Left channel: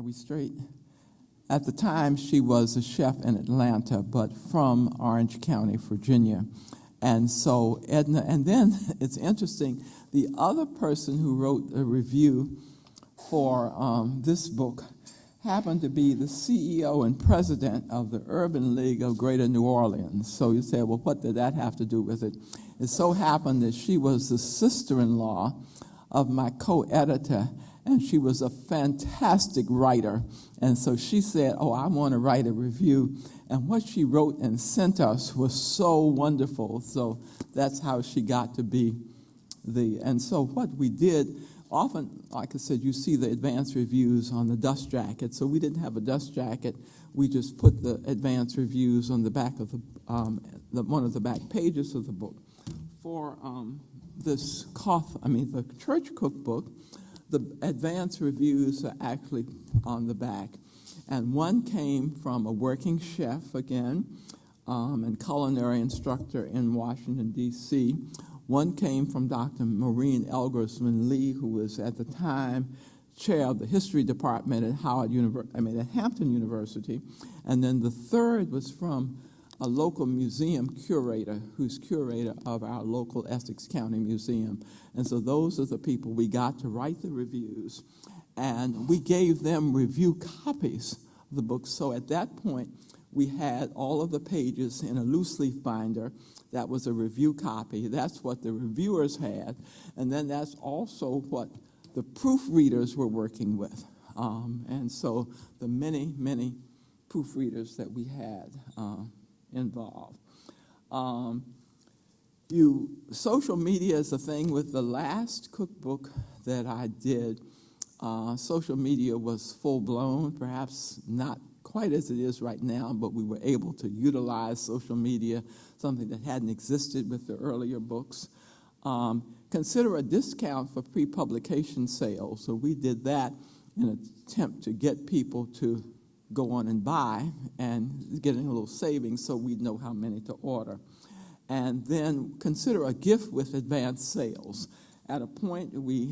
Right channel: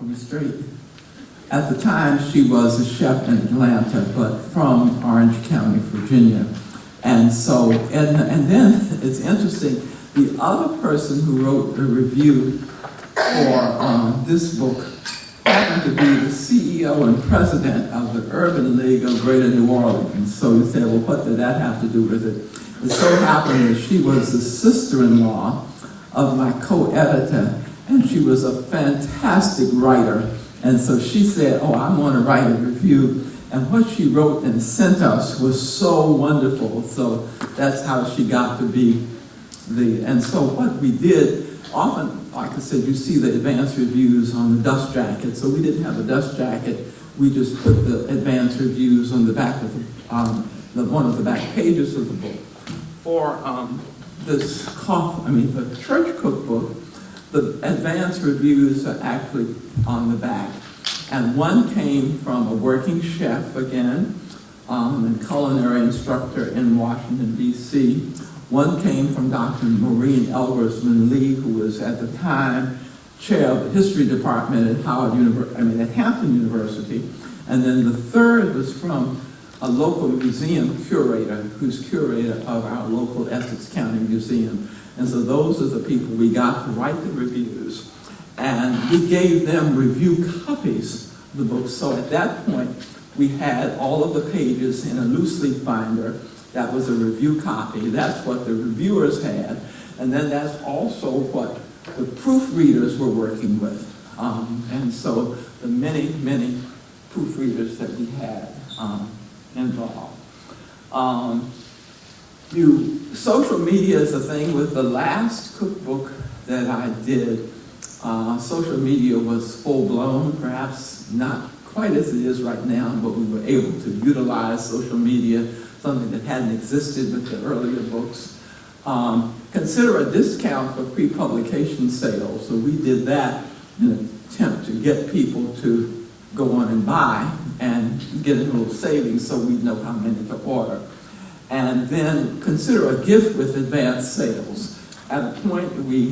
from straight. At the time, she was a chef in Atlanta, but from Orange County, Virginia. And so, and then it's interesting, the other person who wrote the review for this book happened to be the CEO and president of the Urban League of Greater New Orleans. So you say, well, what did that have to do with it? It so happened that she was the sister-in-law of my co-editor, and she was a fantastic writer. And so she said, oh, I want to write a review. And what she wrote and sent us was so wonderful. So that's how she got to be and so what we did, often, like I said, you see the advanced reviews on the dust jacket. So we didn't have a dust jacket. We just put the advanced reviews on the back of one of the back pages of the book. For the church cookbook, the advanced reviews are actually on the back. And one came from a working chef, again, and culinary instructor in Washington, D.C. One came from Dr. Maureen Elgersman Lee, who was at the time chair of the history department at Hampton University. And then the third was from a local museum curator, who's curator of our local Essex County Museum. And so those are the people we got to write the reviews. And we gave them review copies of the book. So at that point, we had all of the pages in a loose leaf binder. That was a review copy. That's what the reviewers had. And then that's also what the proofreaders were working with. And so the many, many proofreaders that we had involved. Social media is a thing. With the last cookbook that I did, social media was full-blown, perhaps not quite as it is right now, but we were able to utilize social media, something that hadn't existed with the earlier books. Consider a discount for pre-publication sales. So we did that in an attempt to get people to go on and buy and get a little savings so we know how many to order. And then consider a gift with advanced sales. At a point, we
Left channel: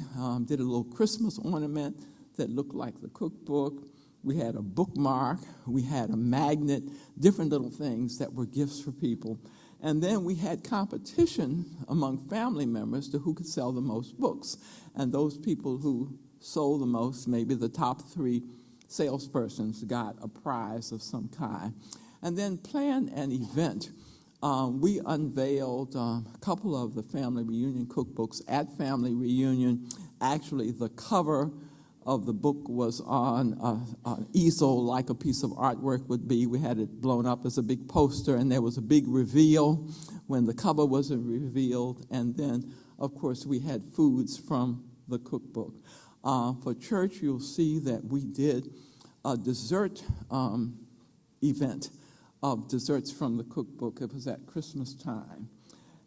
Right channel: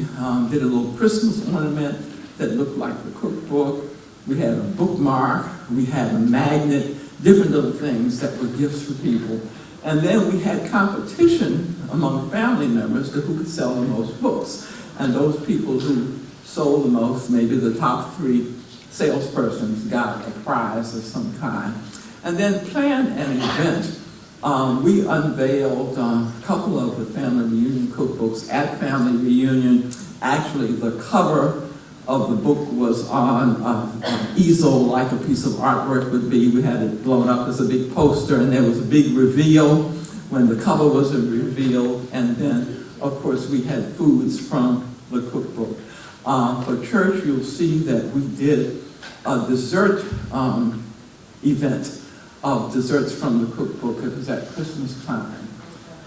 did a little Christmas ornament that looked like the cookbook. We had a bookmark. We had a magnet, different little things that were gifts for people. And then we had competition among family members to who could sell the most books. And those people who sold the most, maybe the top 3 salespersons, got a prize of some kind. And then planned an event. We unveiled a couple of the family reunion cookbooks at family reunion. Actually, the cover of the book was on an easel, like a piece of artwork would be. We had it blown up as a big poster, and there was a big reveal when the cover was revealed. And then, of course, we had foods from the cookbook. For church, you'll see that we did a dessert event of desserts from the cookbook. It was at Christmas time.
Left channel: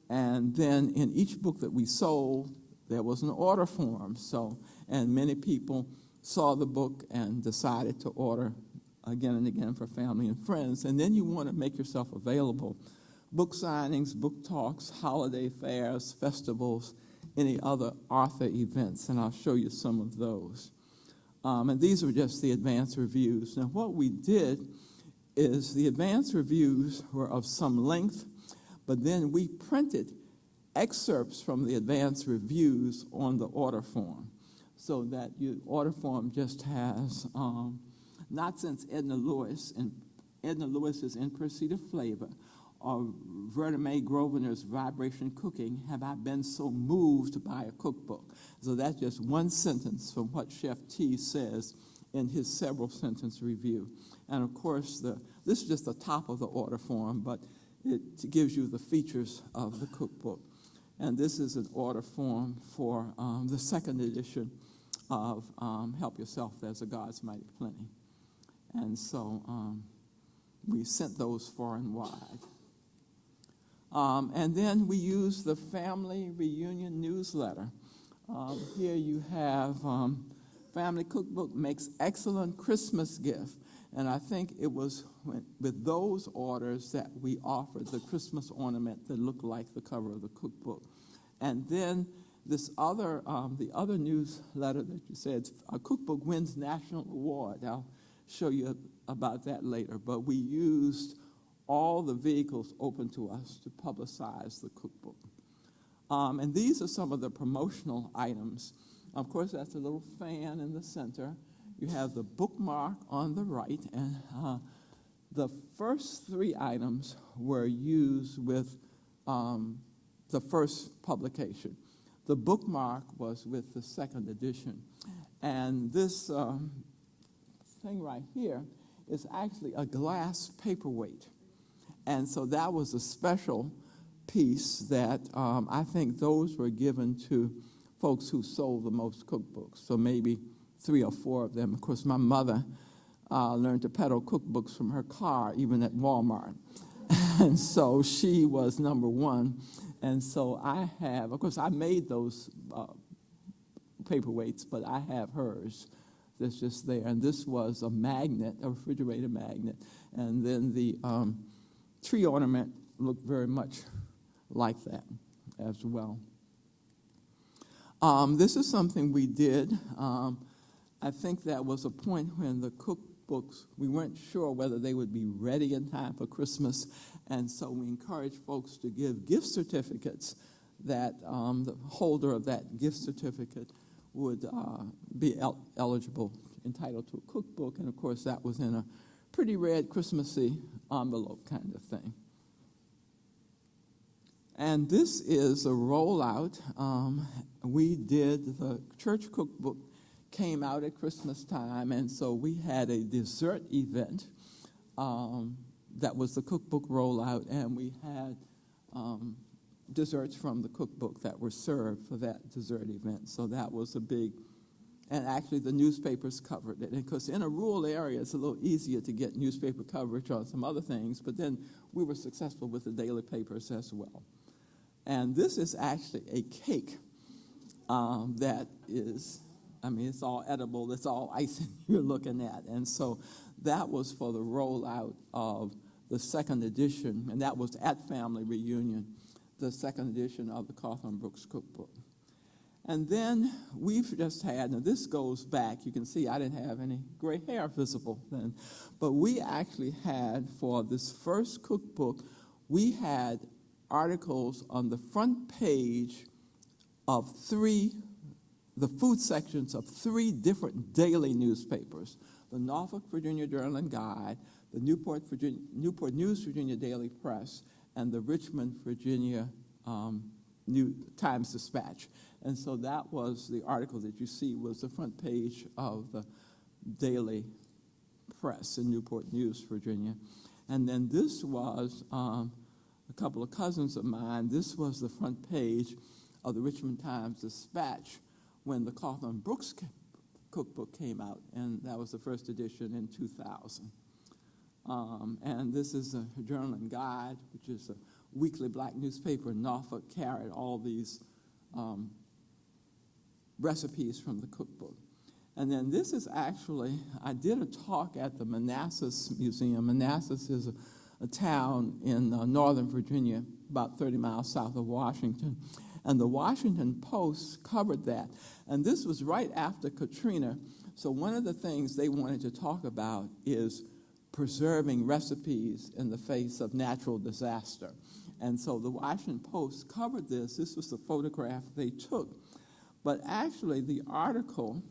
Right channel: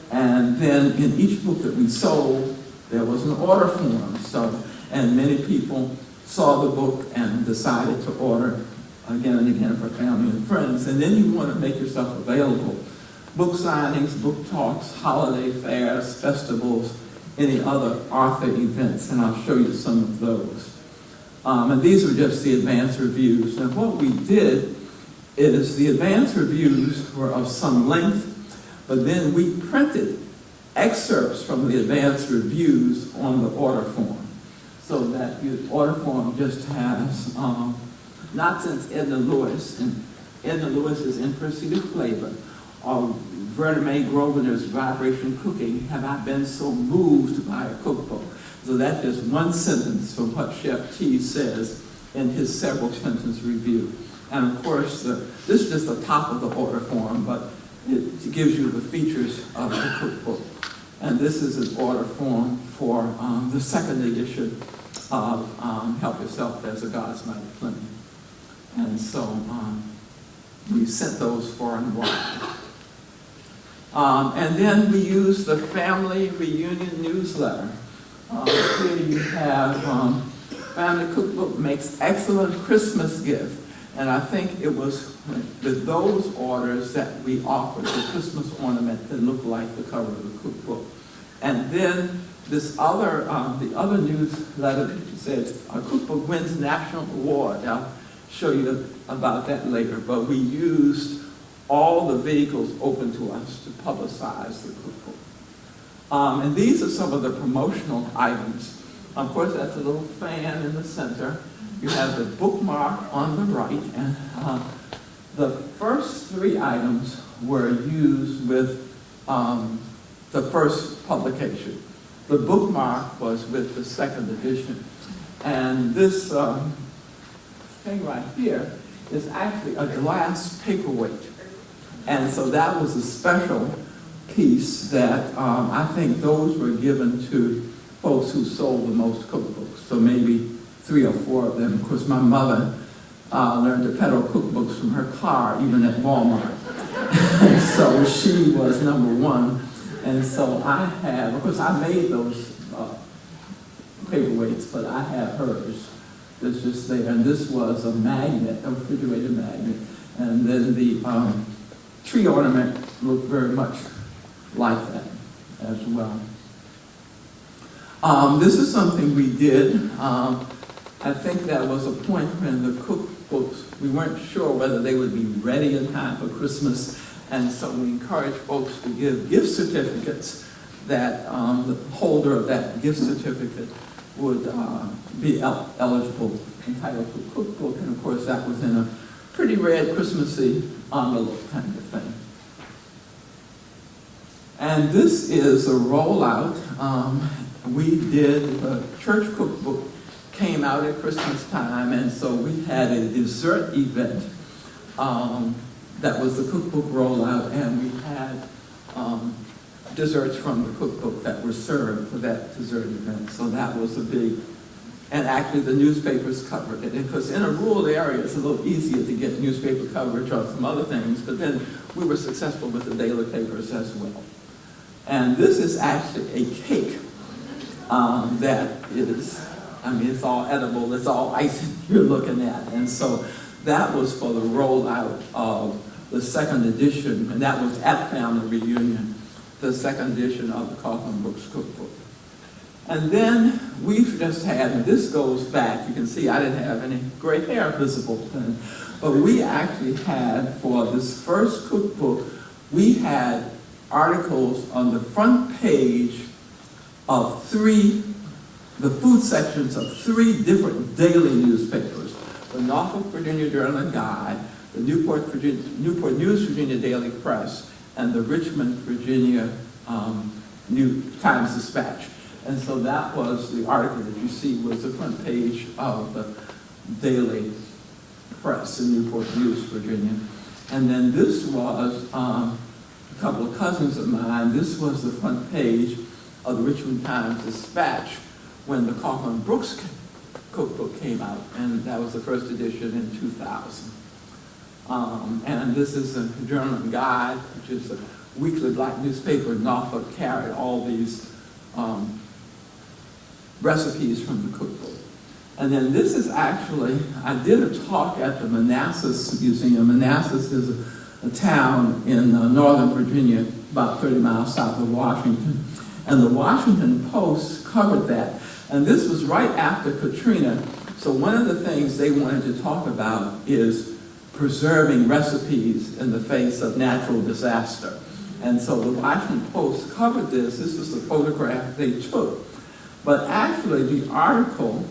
And then in each book that we sold, there was an order form. And many people saw the book and decided to order again and again for family and friends. And then you want to make yourself available. Book signings, book talks, holiday fairs, festivals, any other author events, and I'll show you some of those. And these were just the advanced reviews. And what we did is the advanced reviews were of some length, but then we printed excerpts from the advanced reviews on the order form. So that your order form just has, not since Edna Lewis, and Edna Lewis's In Pursuit of Flavor, or Verna May Grosvenor's Vibration Cooking, have I been so moved by a cookbook. So that's just one sentence from what Chef T says in his several sentence review. And of course, this is just the top of the order form, but it gives you the features of the cookbook. And this is an order form for the second edition of Help Yourself, There's a God's Mighty Plenty. And so we sent those far and wide. And then we used the family reunion newsletter. Here you have Family Cookbook makes excellent Christmas gift. And I think it was with those orders that we offered the Christmas ornament that looked like the cover of the cookbook. And then the other newsletter said, "Our cookbook wins national award." I'll show you about that later, but we used all the vehicles open to us to publicize the cookbook. And these are some of the promotional items. Of course, that's a little fan in the center. You have the bookmark on the right, and the first three items were used with the first publication. The bookmark was with the second edition. And this thing right here is actually a glass paperweight. And so that was a special piece that I think those were given to folks who sold the most cookbooks. So maybe 3 or 4 of them. Of course, my mother learned to peddle cookbooks from her car, even at Walmart. And so she was number 1. And so I have, of course, I made those paperweights, but I have hers. It's just there. And this was a magnet, a refrigerator magnet. And then the tree ornament looked very much like that as well. This is something we did. I think that was a point when the cookbooks, we weren't sure whether they would be ready in time for Christmas, and so we encouraged folks to give gift certificates that the holder of that gift certificate would be eligible, entitled to a cookbook, and of course that was in a pretty red Christmassy envelope kind of thing. And this is a rollout. We did, the church cookbook came out at Christmas time, and so we had a dessert event that was the cookbook rollout, and we had desserts from the cookbook that were served for that dessert event. So that was a big, and actually the newspapers covered it. Because in a rural area, it's a little easier to get newspaper coverage on some other things, but then we were successful with the daily papers as well. And this is actually a cake that is, I mean, it's all edible, it's all icing you're looking at. And so that was for the rollout of the second edition, and that was at Family Reunion, the second edition of the Coffin Brooks Cookbook. And then we've just had, and this goes back, you can see I didn't have any gray hair visible then, but we actually had, for this first cookbook, we had articles on the front page of the food sections of 3 different daily newspapers: the Norfolk, Virginia Journal and Guide, the Newport News, Virginia Daily Press, and the Richmond, Virginia New Times Dispatch. And so that was the article that you see was the front page of the Daily Press in Newport News, Virginia. And then this was a couple of cousins of mine. This was the front page of the Richmond Times Dispatch when the Coffin Brooks Cookbook came out, and that was the first edition in 2000. And this is a Journal and Guide, which is a weekly black newspaper in Norfolk, carried all these recipes from the cookbook. And then this is actually, I did a talk at the Manassas Museum. Manassas is a town in northern Virginia, about 30 miles south of Washington. And the Washington Post covered that. And this was right after Katrina. So one of the things they wanted to talk about is preserving recipes in the face of natural disaster. And so the Washington Post covered this. This was the photograph they took. But actually the article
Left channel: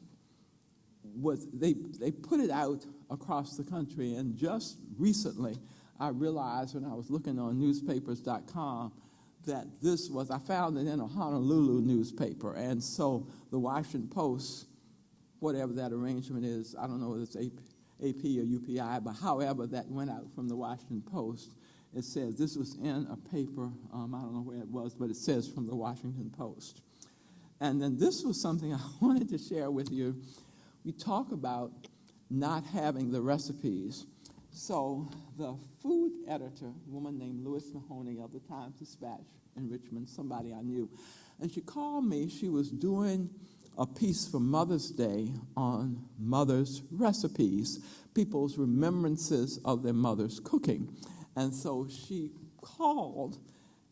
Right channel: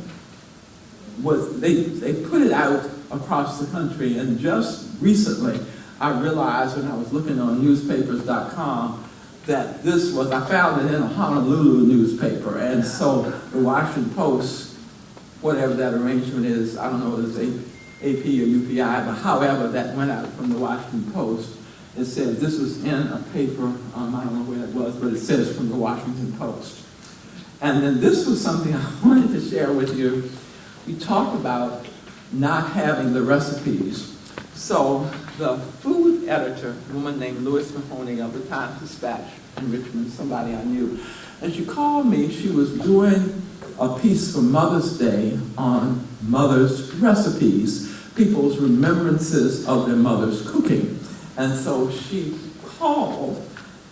was, they put it out across the country, and just recently I realized when I was looking on newspapers.com that this was, I found it in a Honolulu newspaper, and so the Washington Post, whatever that arrangement is, I don't know if it's AP or UPI, but however that went out from the Washington Post, it says this was in a paper, I don't know where it was, but it says from the Washington Post. And then this was something I wanted to share with you. We talked about not having the recipes. So the food editor, a woman named Lois Mahoney of the Times Dispatch in Richmond, somebody I knew, and she called me. She was doing a piece for Mother's Day on mother's recipes, people's remembrances of their mother's cooking. And so she called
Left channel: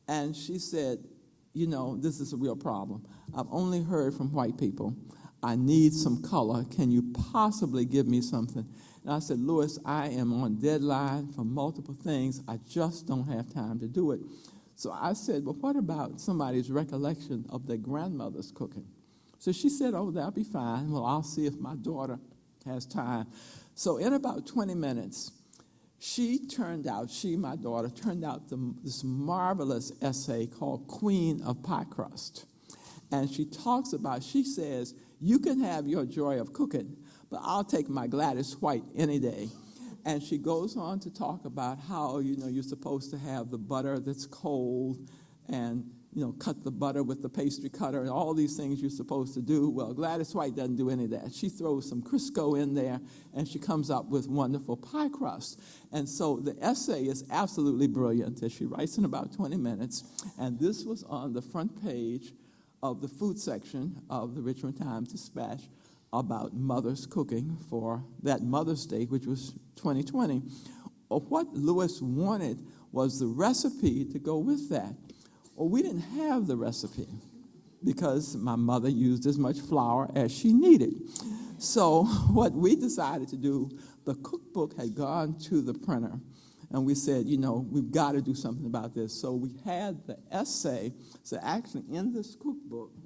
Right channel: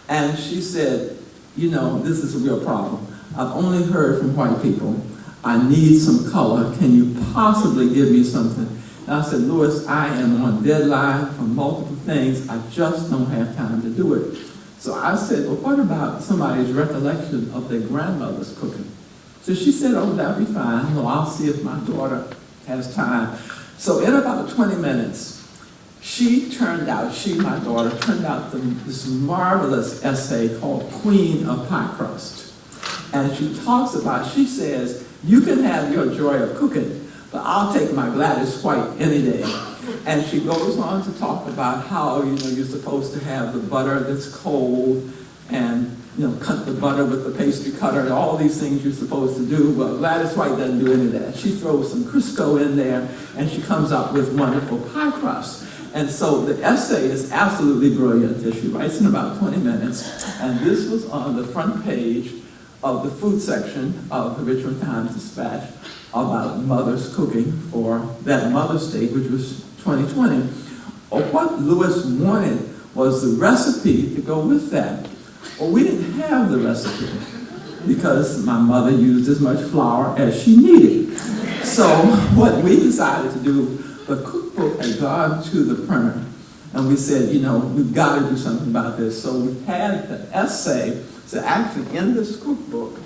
and she said, you know, this is a real problem. I've only heard from white people. I need some color. Can you possibly give me something? And I said, Louis, I am on deadline for multiple things. I just don't have time to do it. So I said, well, what about somebody's recollection of their grandmother's cooking? So she said, oh, that'll be fine. Well, I'll see if my daughter has time. So in about 20 minutes, my daughter, turned out this marvelous essay called Queen of Pie Crust. And she says, you can have your joy of cooking, but I'll take my Gladys White any day. And she goes on to talk about how, you're supposed to have the butter that's cold and, cut the butter with the pastry cutter and all these things you're supposed to do. Well, Gladys White doesn't do any of that. She throws some Crisco in there and she comes up with wonderful pie crust. And so the essay is absolutely brilliant. She writes in about 20 minutes. And this was on the front page of the food section of the Richmond Times-Dispatch about mothers cooking for that Mother's Day, which was 2020. Or what Louis wanted was the recipe to go with that. Well, we didn't have the recipe because my mother used as much flour as she needed. So what we decided to do, the cookbook had gone to the printer, and we said, we've got to do something about this. So we had the essay. So actually, in this cookbook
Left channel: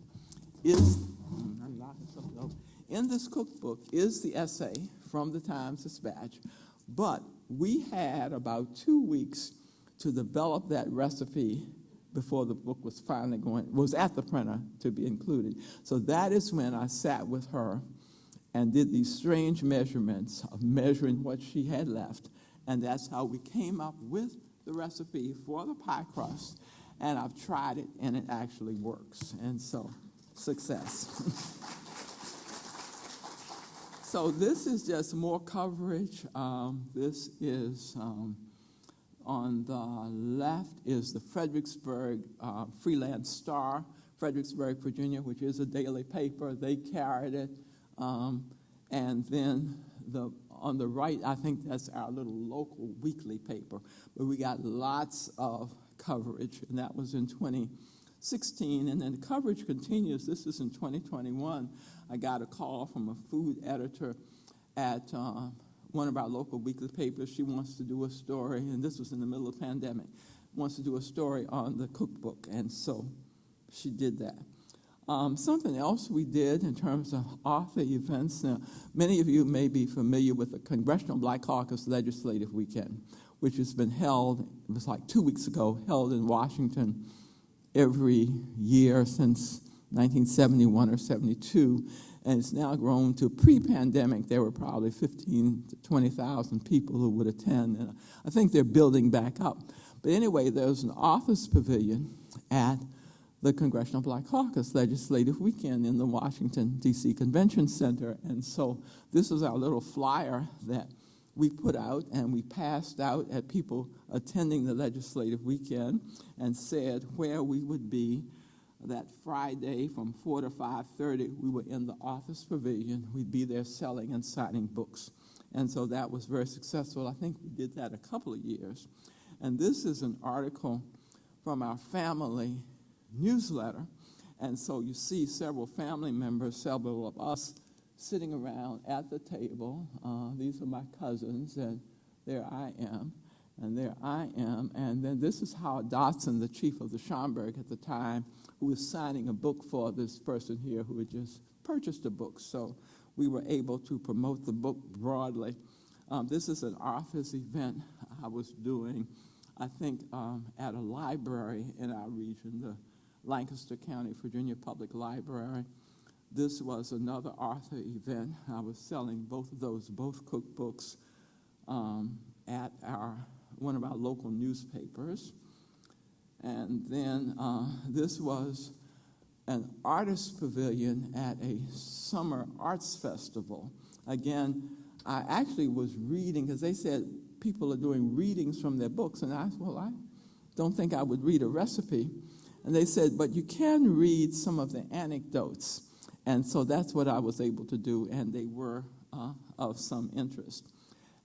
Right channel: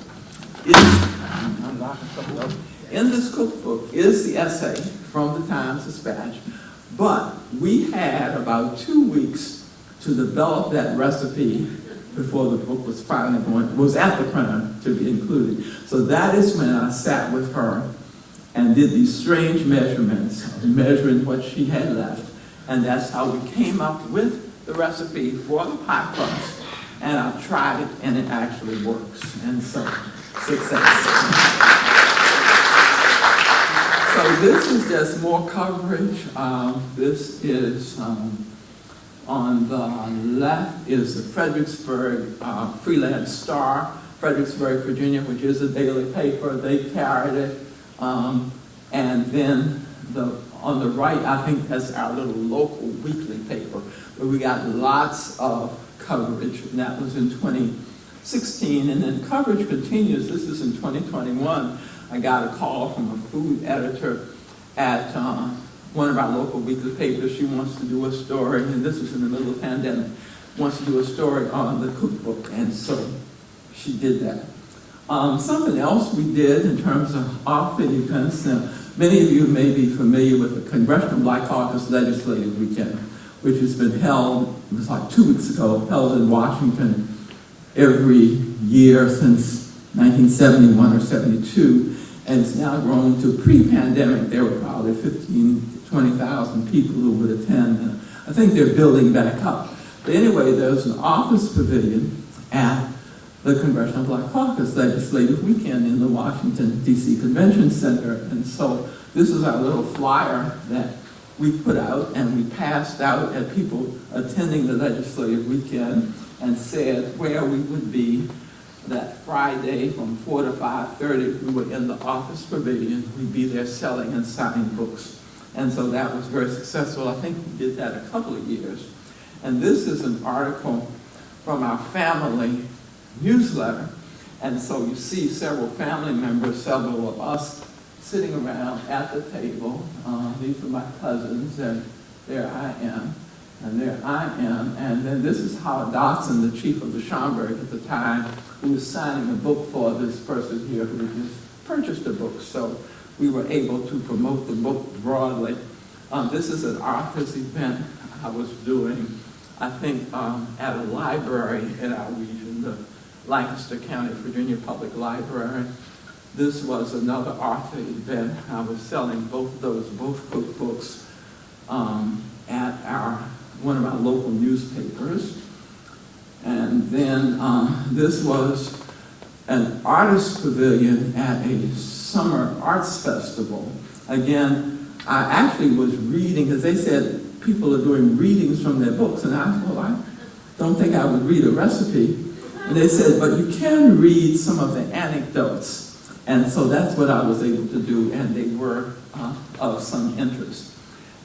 is the essay from the Times-Dispatch, but we had about 2 weeks to develop that recipe before the book was finally was at the printer to be included. So that is when I sat with her and did these strange measurements, measuring what she had left. And that's how we came up with the recipe for the pie crust. And I've tried it, and it actually works. And so, success. So this is just more coverage. This is, on the left is the Fredericksburg Freelance Star, Fredericksburg, Virginia, which is a daily paper. They carried it. And then on the right, I think that's our little local weekly paper, where we got lots of coverage, and that was in 2016, and then coverage continues. This is in 2021. I got a call from a food editor at one of our local weekly papers. She wants to do a story, and this was in the middle of the pandemic, wants to do a story on the cookbook, and so she did that. Something else we did in terms of author events, now, many of you may be familiar with the Congressional Black Caucus Legislative Weekend, which has been held, it was like 2 weeks ago, held in Washington every year since 1971 or 72, and it's now grown to pre-pandemic. There were probably 15,000 to 20,000 people who would attend, and I think they're building back up. But anyway, there's an office pavilion at the Congressional Black Caucus Legislative Weekend in the Washington, D.C. Convention Center. And so this is our little flyer that we put out and we passed out at people attending the legislative weekend, and said where we would be that Friday from 4 to 5:30. We were in the office pavilion. We'd be there selling and signing books. And so that was very successful. I think we did that a couple of years. And this is an article from our family newsletter. And so you see several family members, several of us, sitting around at the table. These are my cousins, and there I am, and there I am. And then this is Howard Dotson, the chief of the Schomburg at the time, who was signing a book for this person here who just purchased a book. So we were able to promote the book broadly. This is an author's event I was doing, I think, at a library in our region, the Lancaster County, Virginia Public Library. This was another author event. I was selling both cookbooks at one of our local newspapers. And then this was an artist pavilion at a summer arts festival. Again, I actually was reading, because they said people are doing readings from their books, and I said, well, I don't think I would read a recipe. And they said, but you can read some of the anecdotes. And so that's what I was able to do, and they were of some interest.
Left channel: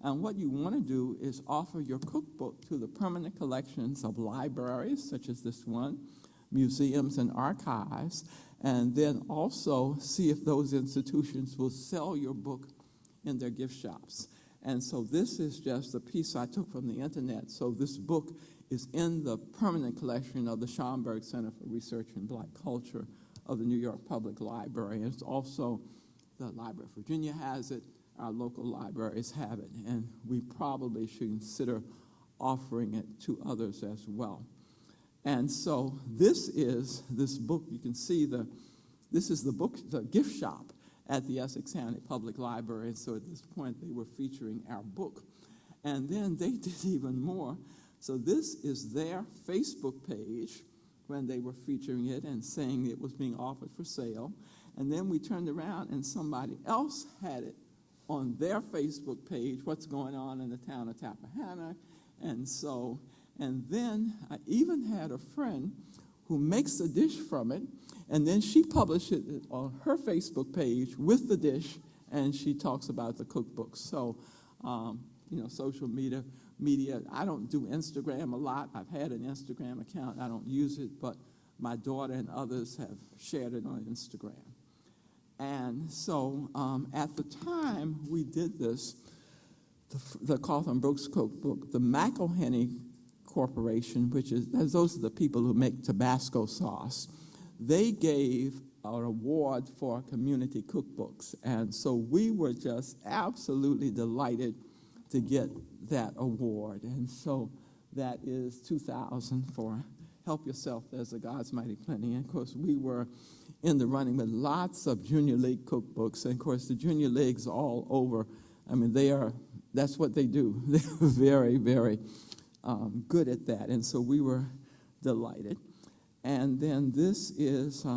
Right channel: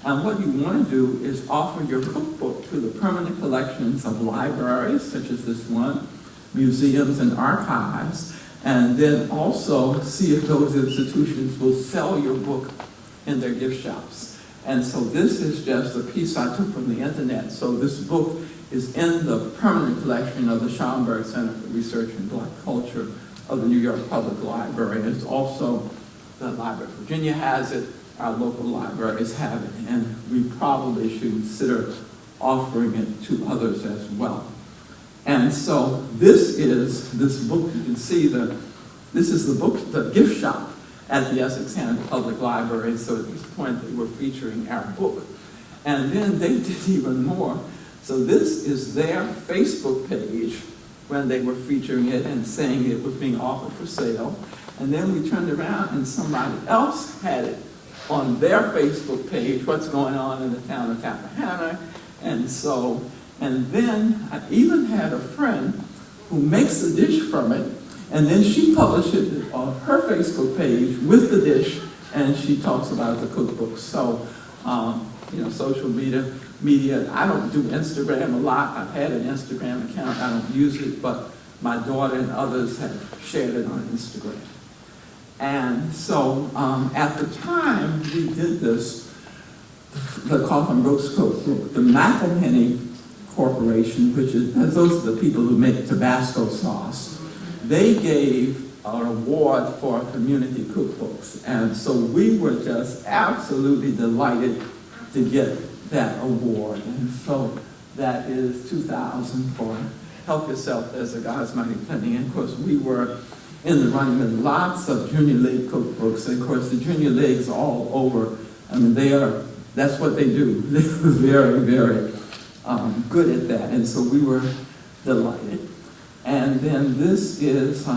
And what you want to do is offer your cookbook to the permanent collections of libraries, such as this one, museums and archives. And then also see if those institutions will sell your book in their gift shops. And so this is just a piece I took from the internet. So this book is in the permanent collection of the Schomburg Center for Research in Black Culture of the New York Public Library. It's also, the Library of Virginia has it, our local libraries have it, and we probably should consider offering it to others as well. And so this book, you can see this is the book, the gift shop at the Essex County Public Library. So at this point they were featuring our book. And then they did even more. So this is their Facebook page when they were featuring it and saying it was being offered for sale. And then we turned around and somebody else had it on their Facebook page, what's going on in the town of Tappahannock. And then I even had a friend who makes a dish from it, and then she published it on her Facebook page with the dish, and she talks about the cookbook. So, social media, I don't do Instagram a lot. I've had an Instagram account. I don't use it, but my daughter and others have shared it on Instagram. And so at the time we did this, the Coffin Brooks Cookbook, the McElhenney Corporation, which is, those are the people who make Tabasco sauce, they gave an award for community cookbooks. And so we were just absolutely delighted to get that award. And so that is 2000 for Help Yourself, There's a God's Mighty Plenty. And of course we were in the running with lots of junior league cookbooks. And of course the junior leagues all over, I mean, that's what they do. They were very, very good at that. And so we were delighted. And then this is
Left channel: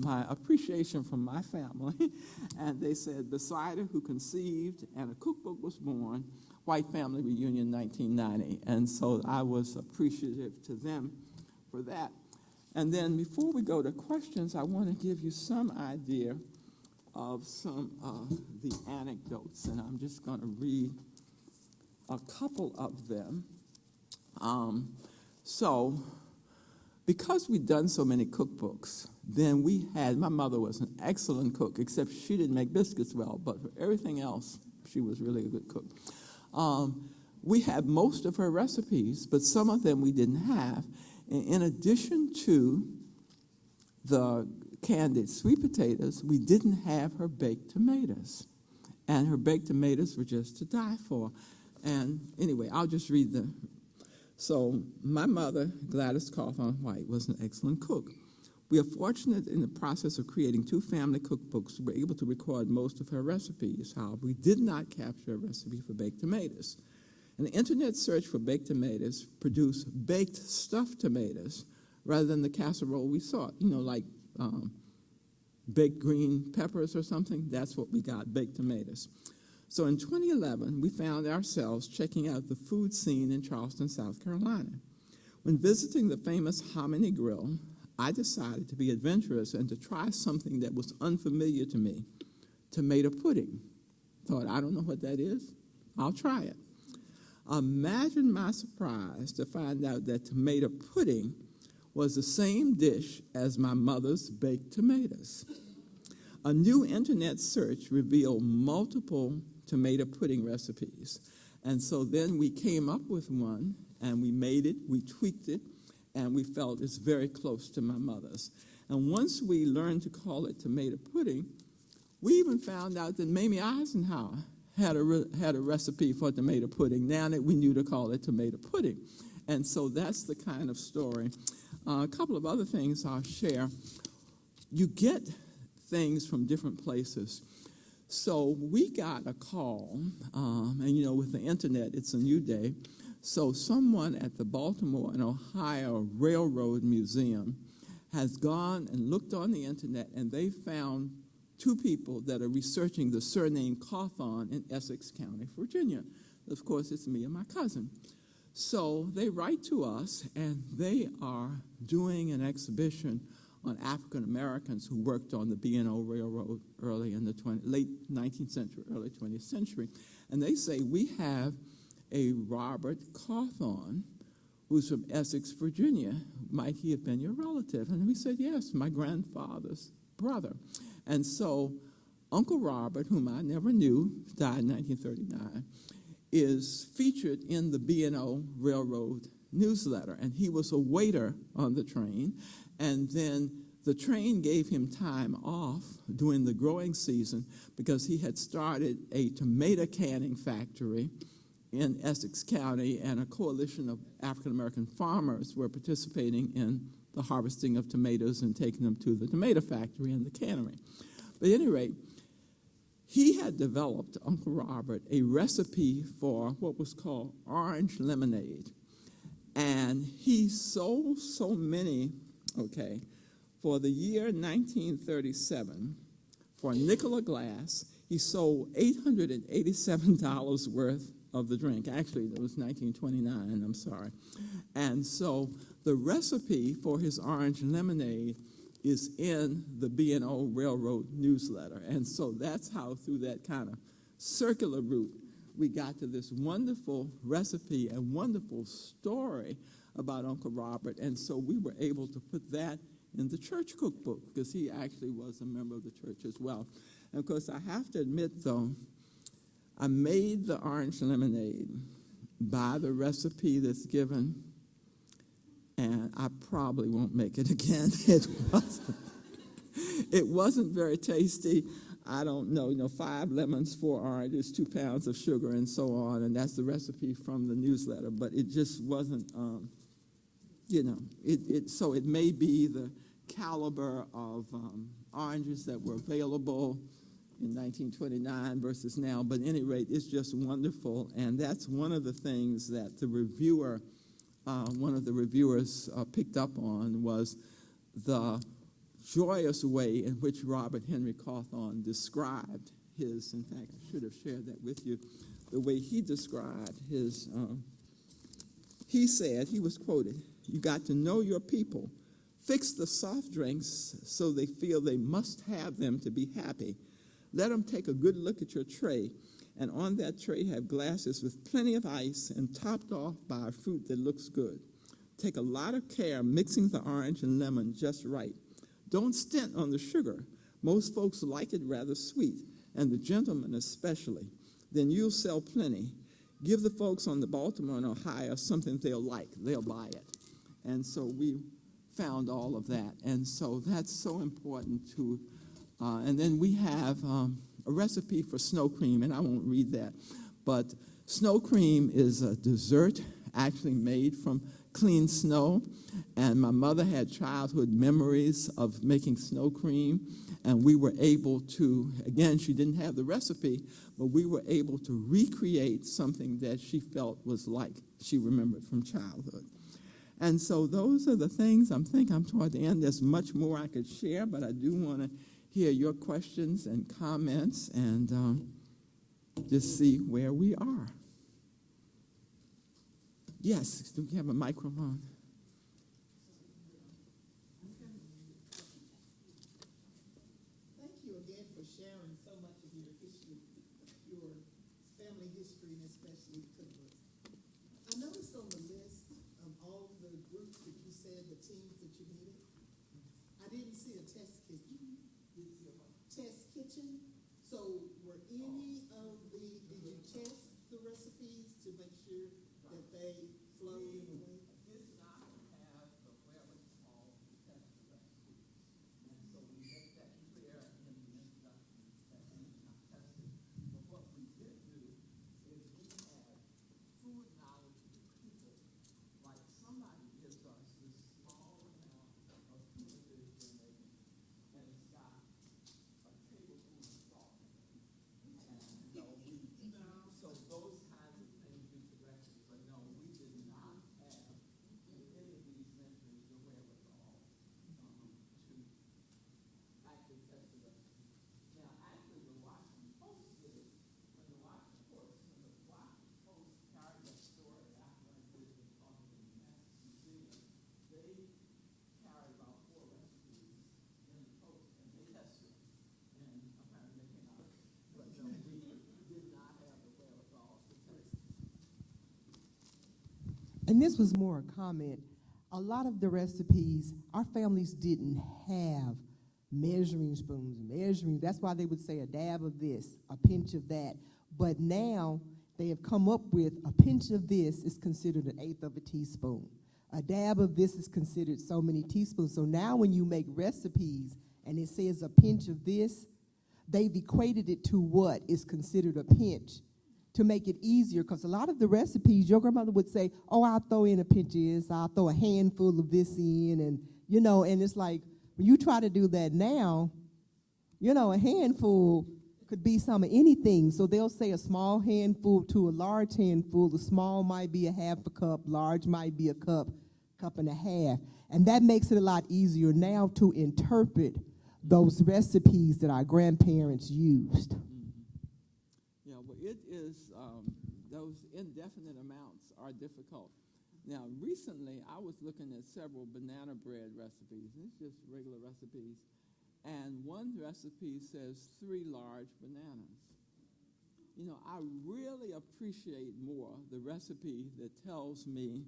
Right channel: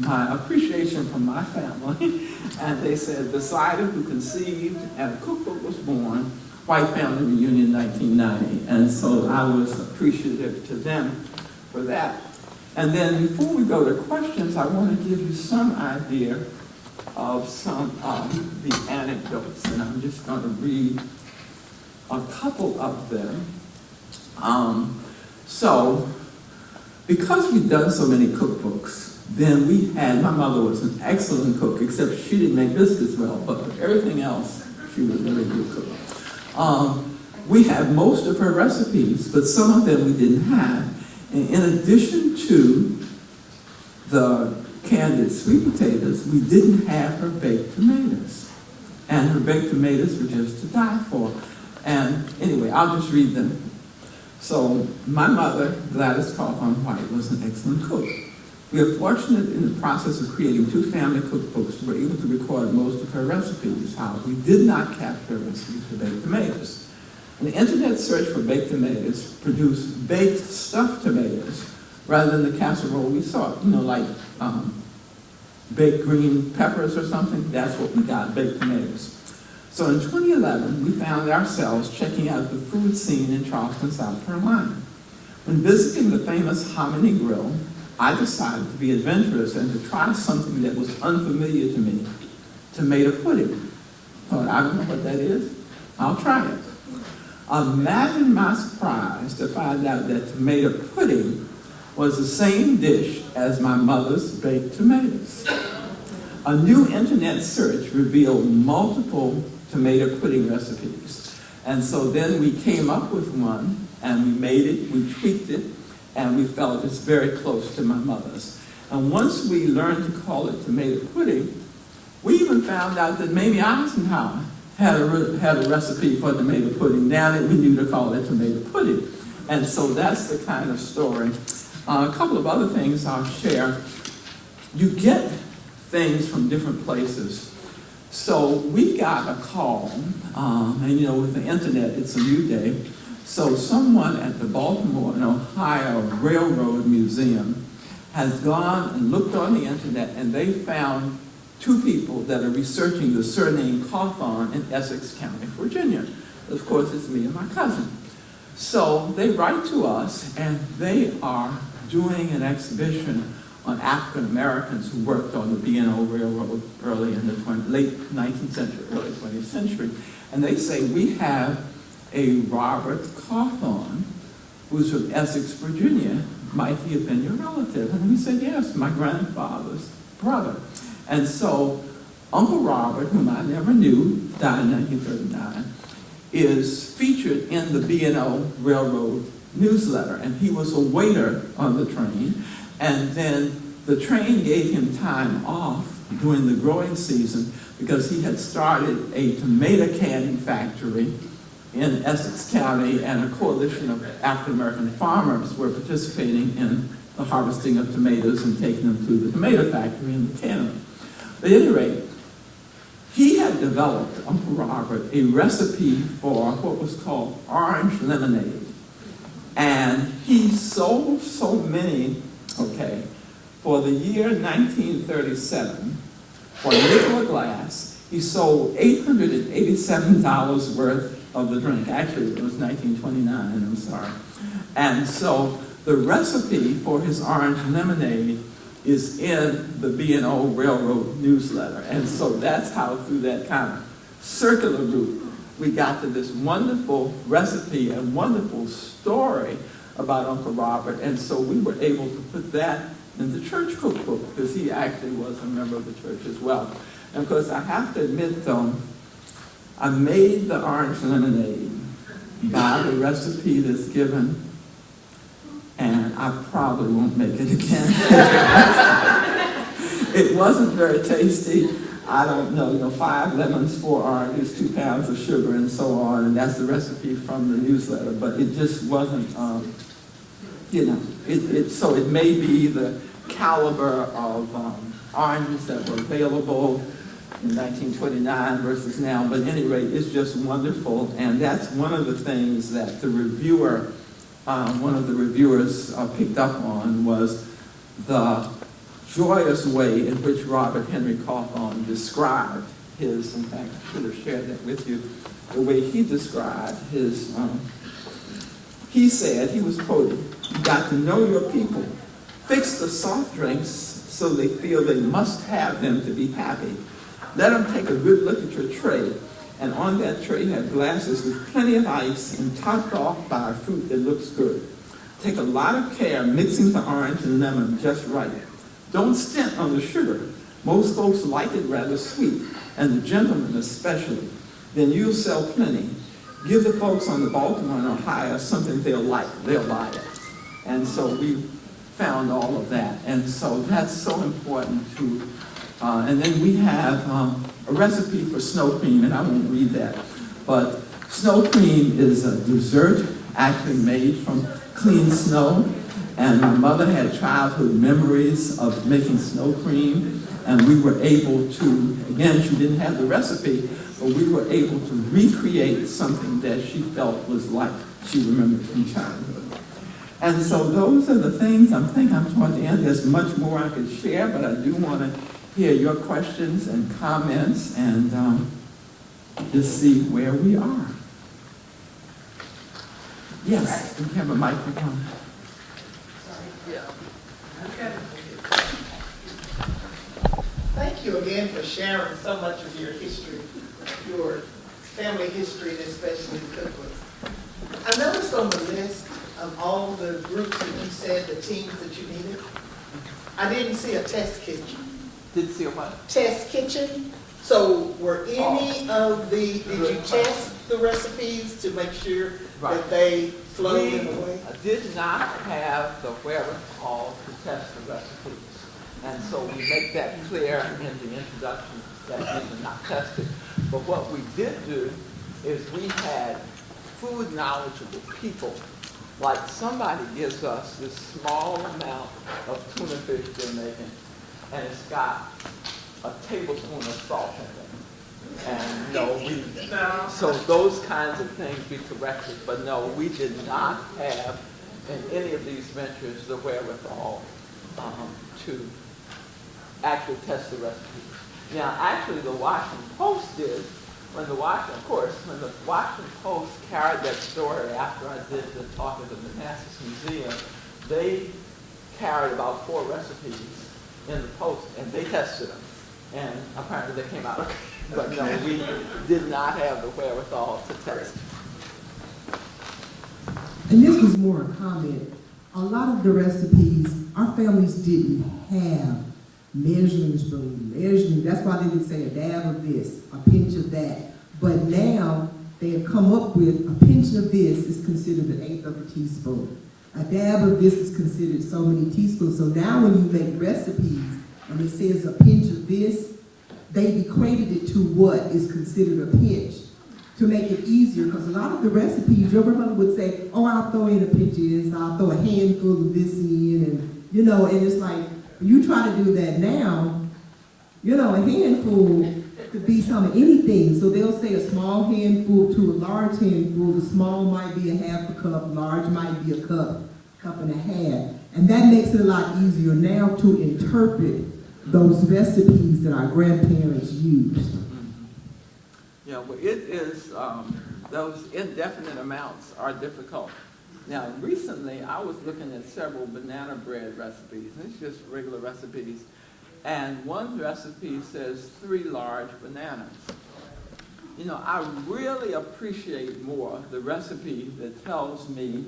my appreciation from my family. And they said, beside her who conceived and a cookbook was born, White Family Reunion 1990. And so I was appreciative to them for that. And then before we go to questions, I want to give you some idea of some of the anecdotes. And I'm just going to read a couple of them. So, because we've done so many cookbooks, then my mother was an excellent cook, except she didn't make biscuits well, but everything else, she was a really good cook. We have most of her recipes, but some of them we didn't have. And in addition to the candied sweet potatoes, we didn't have her baked tomatoes. And her baked tomatoes were just to die for. And anyway, I'll just read them. So my mother, Gladys Coffin White, was an excellent cook. We are fortunate in the process of creating 2 family cookbooks, we were able to record most of her recipes. However, we did not capture a recipe for baked tomatoes. An internet search for baked tomatoes produced baked stuffed tomatoes rather than the casserole we saw, like baked green peppers or something. That's what we got, baked tomatoes. So in 2011, we found ourselves checking out the food scene in Charleston, South Carolina. When visiting the famous Hominy Grill, I decided to be adventurous and to try something that was unfamiliar to me, tomato pudding. Thought, I don't know what that is. I'll try it. Imagine my surprise to find out that tomato pudding was the same dish as my mother's baked tomatoes. A new internet search revealed multiple tomato pudding recipes. And so then we came up with one, and we made it, we tweaked it, and we felt it's very close to my mother's. And once we learned to call it tomato pudding, we even found out that Mamie Eisenhower had a recipe for tomato pudding, now that we knew to call it tomato pudding. And so that's the kind of story. A couple of other things I'll share. You get things from different places. So we got a call, and with the internet, it's a new day. So someone at the Baltimore and Ohio Railroad Museum has gone and looked on the internet, and they found 2 people that are researching the surname Coffin in Essex County, Virginia. Of course, it's me and my cousin. So they write to us, and they are doing an exhibition on African Americans who worked on the B&O Railroad early in the late 19th century, early 20th century. And they say, we have a Robert Coffin, who's from Essex, Virginia. Might he have been your relative? And we said, yes, my grandfather's brother. And so Uncle Robert, whom I never knew, died in 1939, is featured in the B&O Railroad newsletter. And he was a waiter on the train. And then the train gave him time off during the growing season because he had started a tomato canning factory in Essex County, and a coalition of African-American farmers were participating in the harvesting of tomatoes and taking them to the tomato factory in the cannery. But at any rate, he had developed, Uncle Robert, a recipe for what was called orange lemonade. And he sold so many, for the year 1937, for a nickel a glass, he sold $887 worth of the drink. Actually, it was 1929, I'm sorry. And so the recipe for his orange lemonade is in the B&O Railroad newsletter. And so that's how, through that kind of circular route, we got to this wonderful recipe and wonderful story about Uncle Robert. And so we were able to put that in the church cookbook, because he actually was a member of the church as well. And of course, I have to admit, though, I made the orange lemonade by the recipe that's given, and I probably won't make it again. It wasn't very tasty. I don't know, 5 lemons, 4 oranges, 2 pounds of sugar, and so on, and that's the recipe from the newsletter, but it just wasn't, so it may be the caliber of oranges that were available in 1929 versus now, but at any rate, it's just wonderful, and that's one of the things that the reviewer, one of the reviewers picked up on, was the joyous way in which Robert Henry Cawthorn described his, in fact, I should have shared that with you, the way he described his, he said, he was quoted, "You got to know your people. Fix the soft drinks so they feel they must have them to be happy. Let them take a good look at your tray, and on that tray have glasses with plenty of ice and topped off by a fruit that looks good. Take a lot of care mixing the orange and lemon just right. Don't stint on the sugar. Most folks like it rather sweet, and the gentlemen especially. Then you'll sell plenty. Give the folks on the Baltimore and Ohio something they'll like. They'll buy it." And so we found all of that. And so that's so important to, and then we have a recipe for snow cream, and I won't read that. But snow cream is a dessert actually made from clean snow. And my mother had childhood memories of making snow cream, and we were able to, again, she didn't have the recipe, but we were able to recreate something that she felt was like she remembered from childhood. And so those are the things. I think I'm toward the end. There's much more I could share, but I do want to hear your questions and comments and just see where we are. Yes, we have a microphone. Thank you again for sharing so much of your history, your family history, and especially cookbooks. I noticed on the list of all the groups that you said, the teams that you needed, I didn't see a test kitchen. Didn't see a what? Test kitchen. So were any of the, did you test the recipes to make sure that they flowed in a way? We did not have the wherewithal to test the recipes. And so we make that clear in the introduction that these are not tested. But what we did do is we had food knowledgeable people. Like somebody gives us this small amount of tuna fish they're making, and it's got a tablespoon of salt in it. And so those kinds of things we corrected. But no, we did not have in any of these ventures the wherewithal to actually test the recipes. Now, actually, the Washington Post did, when the Washington Post carried that story after I did the talk at the Manassas Museum, they carried about 4 recipes in the Post, and they tested them. And apparently they came out okay. But no, we did not have the wherewithal to test. And this was more a comment. A lot of the recipes, our families didn't have measuring spoon, measuring. That's why they would say a dab of this, a pinch of that. But now they have come up with a pinch of this is considered an eighth of a teaspoon. A dab of this is considered so many teaspoons. So now when you make recipes and it says a pinch of this, they've equated it to what is considered a pinch to make it easier. Because a lot of the recipes, your grandmother would say, oh, I'll throw in a pinch of this, I'll throw a handful of this in, and you know, and it's like, when you try to do that now, you know, a handful could be some of anything. So they'll say a small handful to a large handful. The small might be a half a cup, large might be a cup, cup and a half. And that makes it a lot easier now to interpret those recipes that our grandparents used. Yeah, well, it is, those indefinite amounts are difficult. Now, recently, I was looking at several banana bread recipes. It's just regular recipes. And one recipe says 3 large bananas. You know, I really appreciate more the recipe that tells me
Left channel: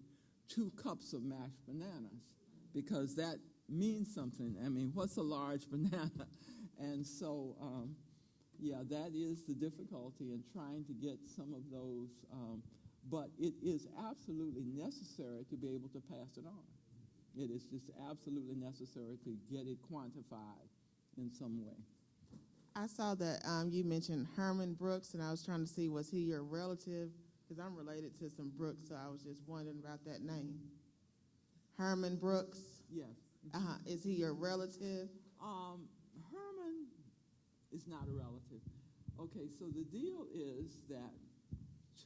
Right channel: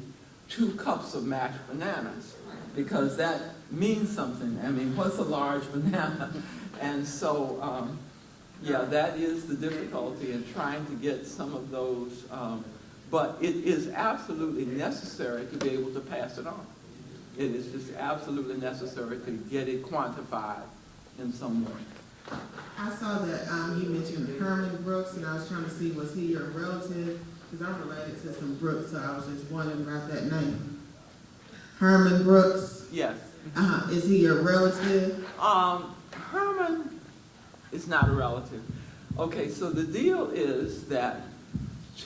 2 cups of mashed bananas, because that means something. I mean, what's a large banana? And so, yeah, that is the difficulty in trying to get some of those, but it is absolutely necessary to be able to pass it on. It is just absolutely necessary to get it quantified in some way. I saw that you mentioned Herman Brooks, and I was trying to see, was he your relative? Because I'm related to some Brooks, so I was just wondering about that name. Herman Brooks? Yes. Is he your relative? Herman is not a relative. Okay, so the deal is that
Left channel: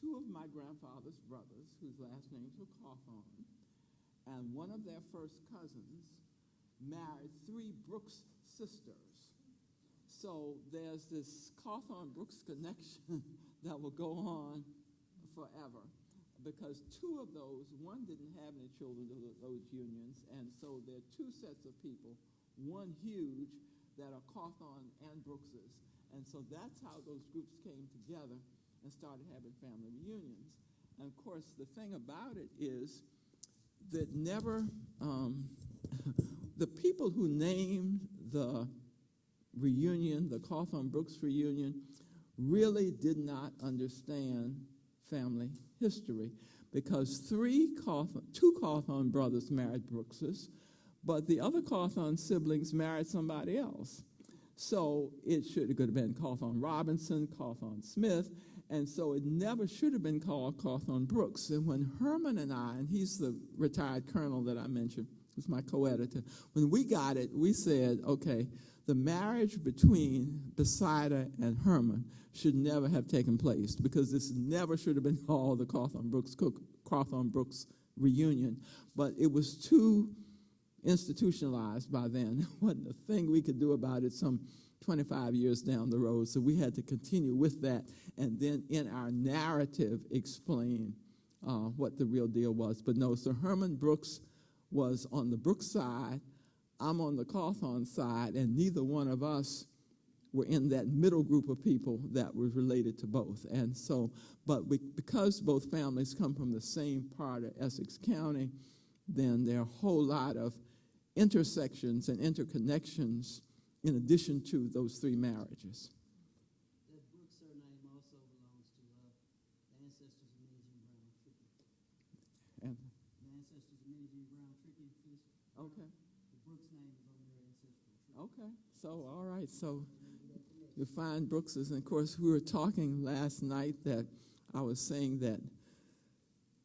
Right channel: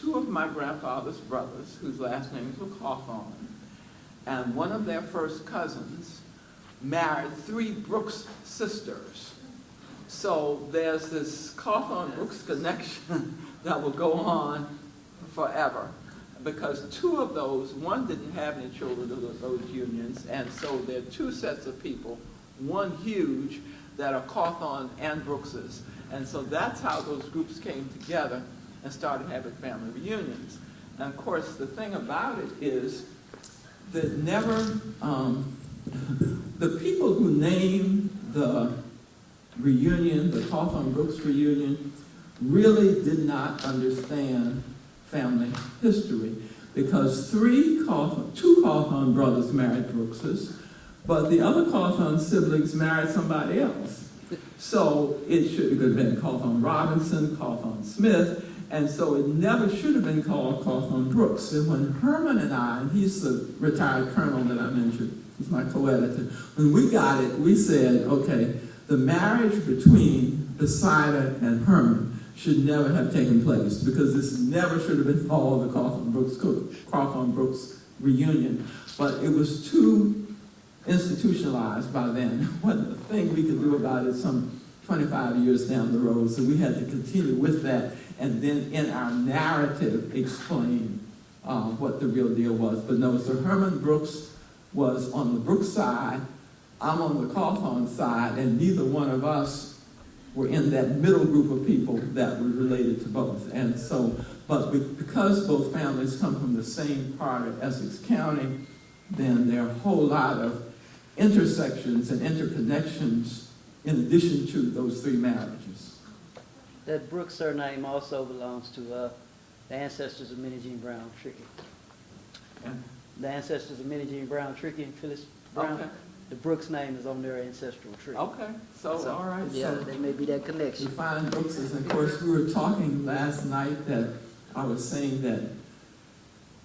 2 of my grandfather's brothers, whose last names were Cawthorn, and one of their first cousins married 3 Brooks sisters. So there's this Cawthorn-Brooks connection that will go on forever, because 2 of those, one didn't have any children of those unions, and so there are 2 sets of people, one huge, that are Cawthorn and Brookses. And so that's how those groups came together and started having family reunions. And of course, the thing about it is that never, the people who named the reunion, the Cawthorn-Brooks reunion, really did not understand family history, because 2 Cawthorn brothers married Brookses, but the other Cawthorn siblings married somebody else. So it should have been Cawthorn Robinson, Cawthorn Smith, and so it never should have been called Cawthorn Brooks. And when Herman and I, and he's the retired colonel that I mentioned, he's my co-editor, when we got it, we said, okay, the marriage between Besida and Herman should never have taken place, because this never should have been called the Cawthorn Brooks reunion. But it was too institutionalized by then. One thing we could do about it some 25 years down the road, so we had to continue with that, and then in our narrative explain what the real deal was. But no, so Herman Brooks was on the Brooks side, I'm on the Cawthorn side, and neither one of us were in that middle group of people that were related to both. And so, but because both families come from the same part of Essex County, then there are a whole lot of intersections and interconnections in addition to those 3 marriages. That Brooks surname also belongs to the ancestors of Minnie Jean Brown Trickey. Yeah. The ancestors of Minnie Jean Brown Trickey and Phyllis Brown. Okay. The Brooks name is on their ancestral tree. Okay, so all right. Yeah, so there may be that connection. we find Brookses, and of course we were talking last night that I was saying that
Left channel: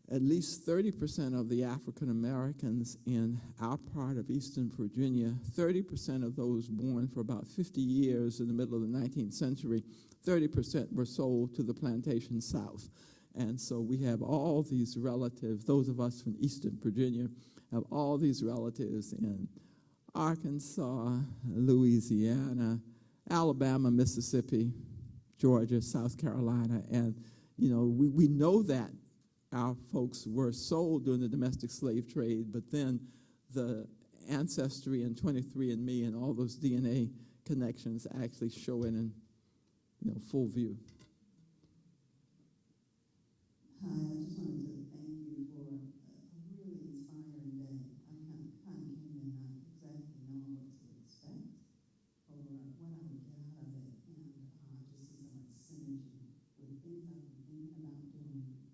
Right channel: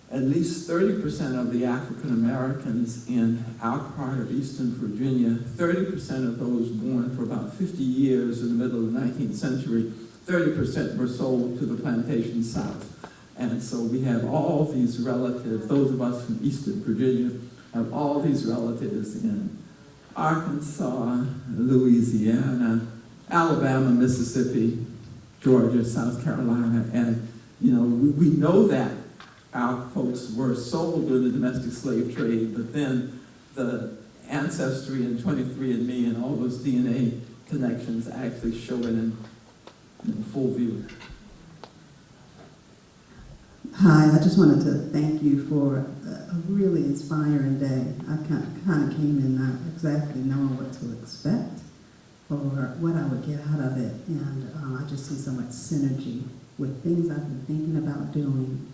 at least 30% of the African Americans in our part of Eastern Virginia, 30% of those born for about 50 years in the middle of the 19th century, 30% were sold to the plantation South. And so we have all these relatives, those of us from Eastern Virginia, have all these relatives in Arkansas, Louisiana, Alabama, Mississippi, Georgia, South Carolina, and you know, we know that our folks were sold during the domestic slave trade, but then the ancestry and 23andMe and all those DNA connections actually show it in full view. Hi, I just wanted to thank you for a really inspiring day. I kind of came in not exactly knowing what to expect, or what I would get out of it. And I just see so much synergy with things I've been thinking about doing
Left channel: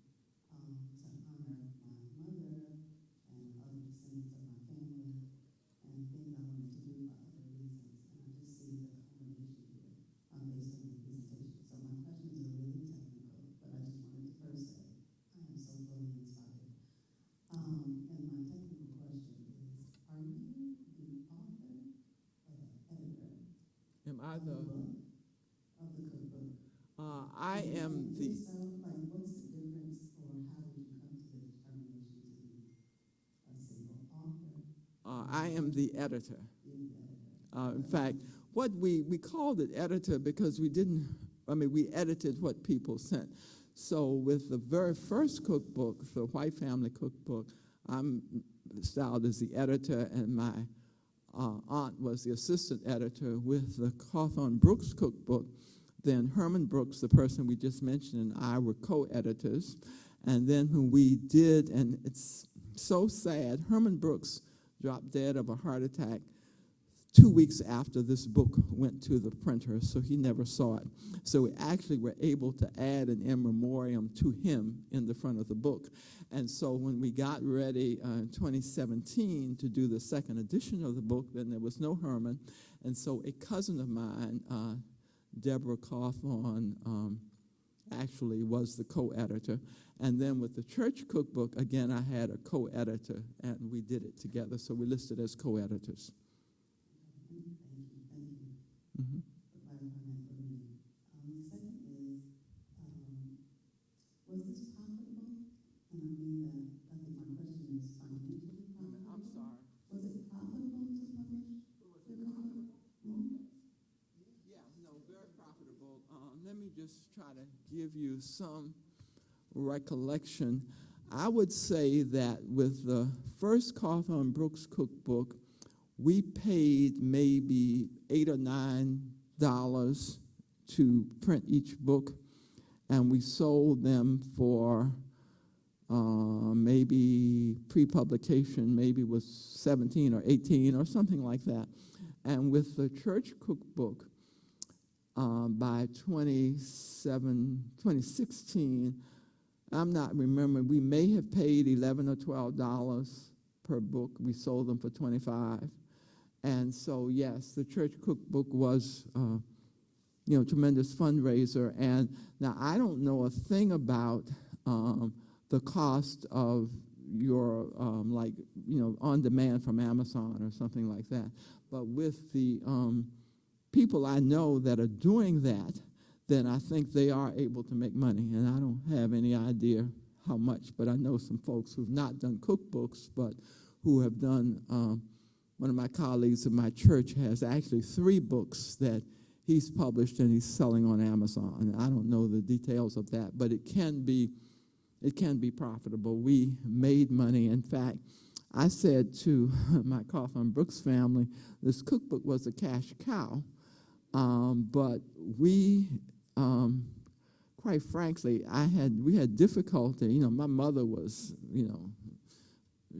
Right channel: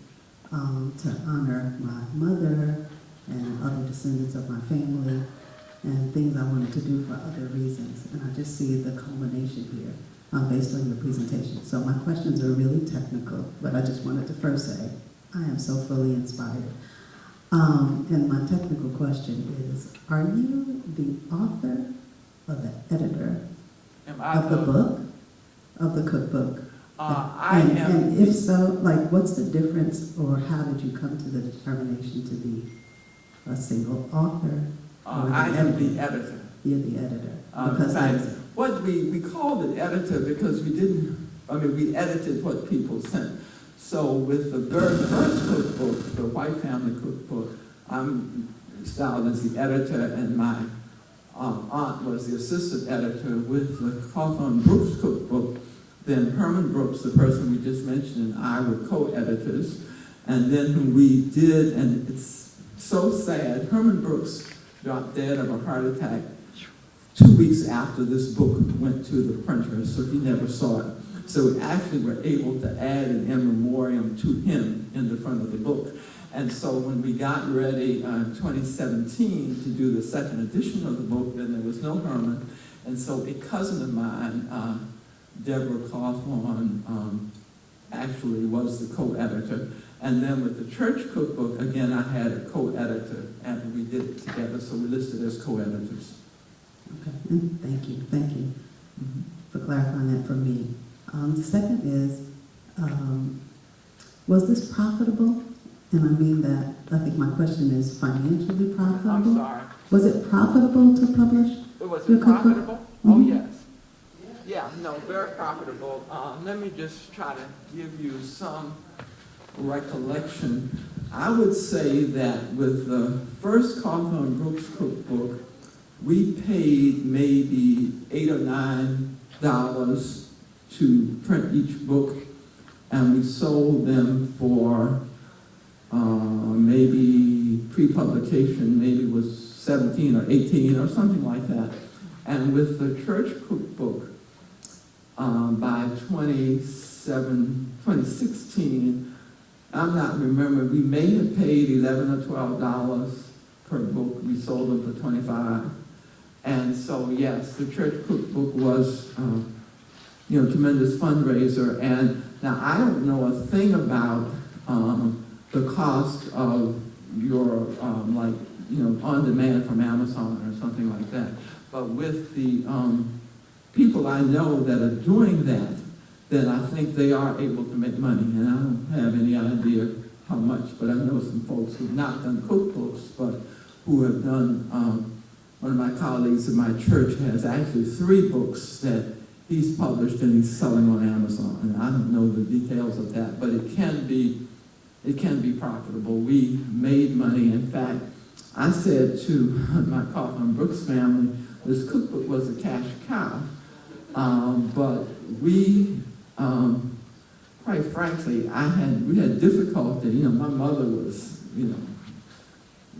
to honor my mother and other descendants of my family, and things I wanted to do for other reasons. And I just see the culmination here based on your presentation. So my questions are really technical, but I just wanted to first say I am so fully inspired. And my technical question is, are you the author or the editor Am I of the book, of the cookbook? I and, am. And if so, like, what's the difference, or how did you come to the determination to be a single author? I am the editor. You're the editor. In Because fact, there's- what we called it editor because we edited what people sent. So with the very first cookbook, the White Family Cookbook, I'm styled as the editor, and my aunt was the assistant editor. With the Cawthorn Brooks Cookbook, then Herman Brooks, the person we just mentioned, and I were co-editors. And then when we did, and it's so sad, Herman Brooks dropped dead of a heart attack 2 weeks after this book went to the printer, so he never saw it. So we actually were able to add an in memoriam to him in the front of the book. And so when we got ready in 2017 to do the second edition of the book, then there was no Herman. And so a cousin of mine, Deborah Cawthorn, actually was the co-editor. And then with the church cookbook, again, I had a co-editor, and we did it together, so we listed as co-editors. Okay, thank you for clarifying that for me. The second is, was this profitable? And I mean that, I think my question is financially profitable? I'm sorry. Was it profitable to publish? Was Your it cookbook? profitable? Oh, Mhm. yes. Yeah, no, very profitable. Let me just try to give you some recollection. I would say that with the first Cawthorn Brooks cookbook, we paid maybe $8 or $9 to print each book, and we sold them for maybe pre-publication, maybe was 17 or 18 or something like that. And with the church cookbook, by 2016, I'm not remembering, we may have paid $11 or $12 per book. We sold them for $25. And so, yes, the church cookbook was, tremendous fundraiser. And now I don't know a thing about the cost of your, on demand from Amazon or something like that. But with the people I know that are doing that, then I think they are able to make money. And I don't have any idea how much, but I know some folks who've not done cookbooks, but who have done, one of my colleagues in my church has actually 3 books that he's published and he's selling on Amazon. And I don't know the details of that, but it can be profitable. We made money. In fact, I said to my Cawthorn Brooks family, this cookbook was a cash cow, but we, quite frankly, we had difficulty. My mother was,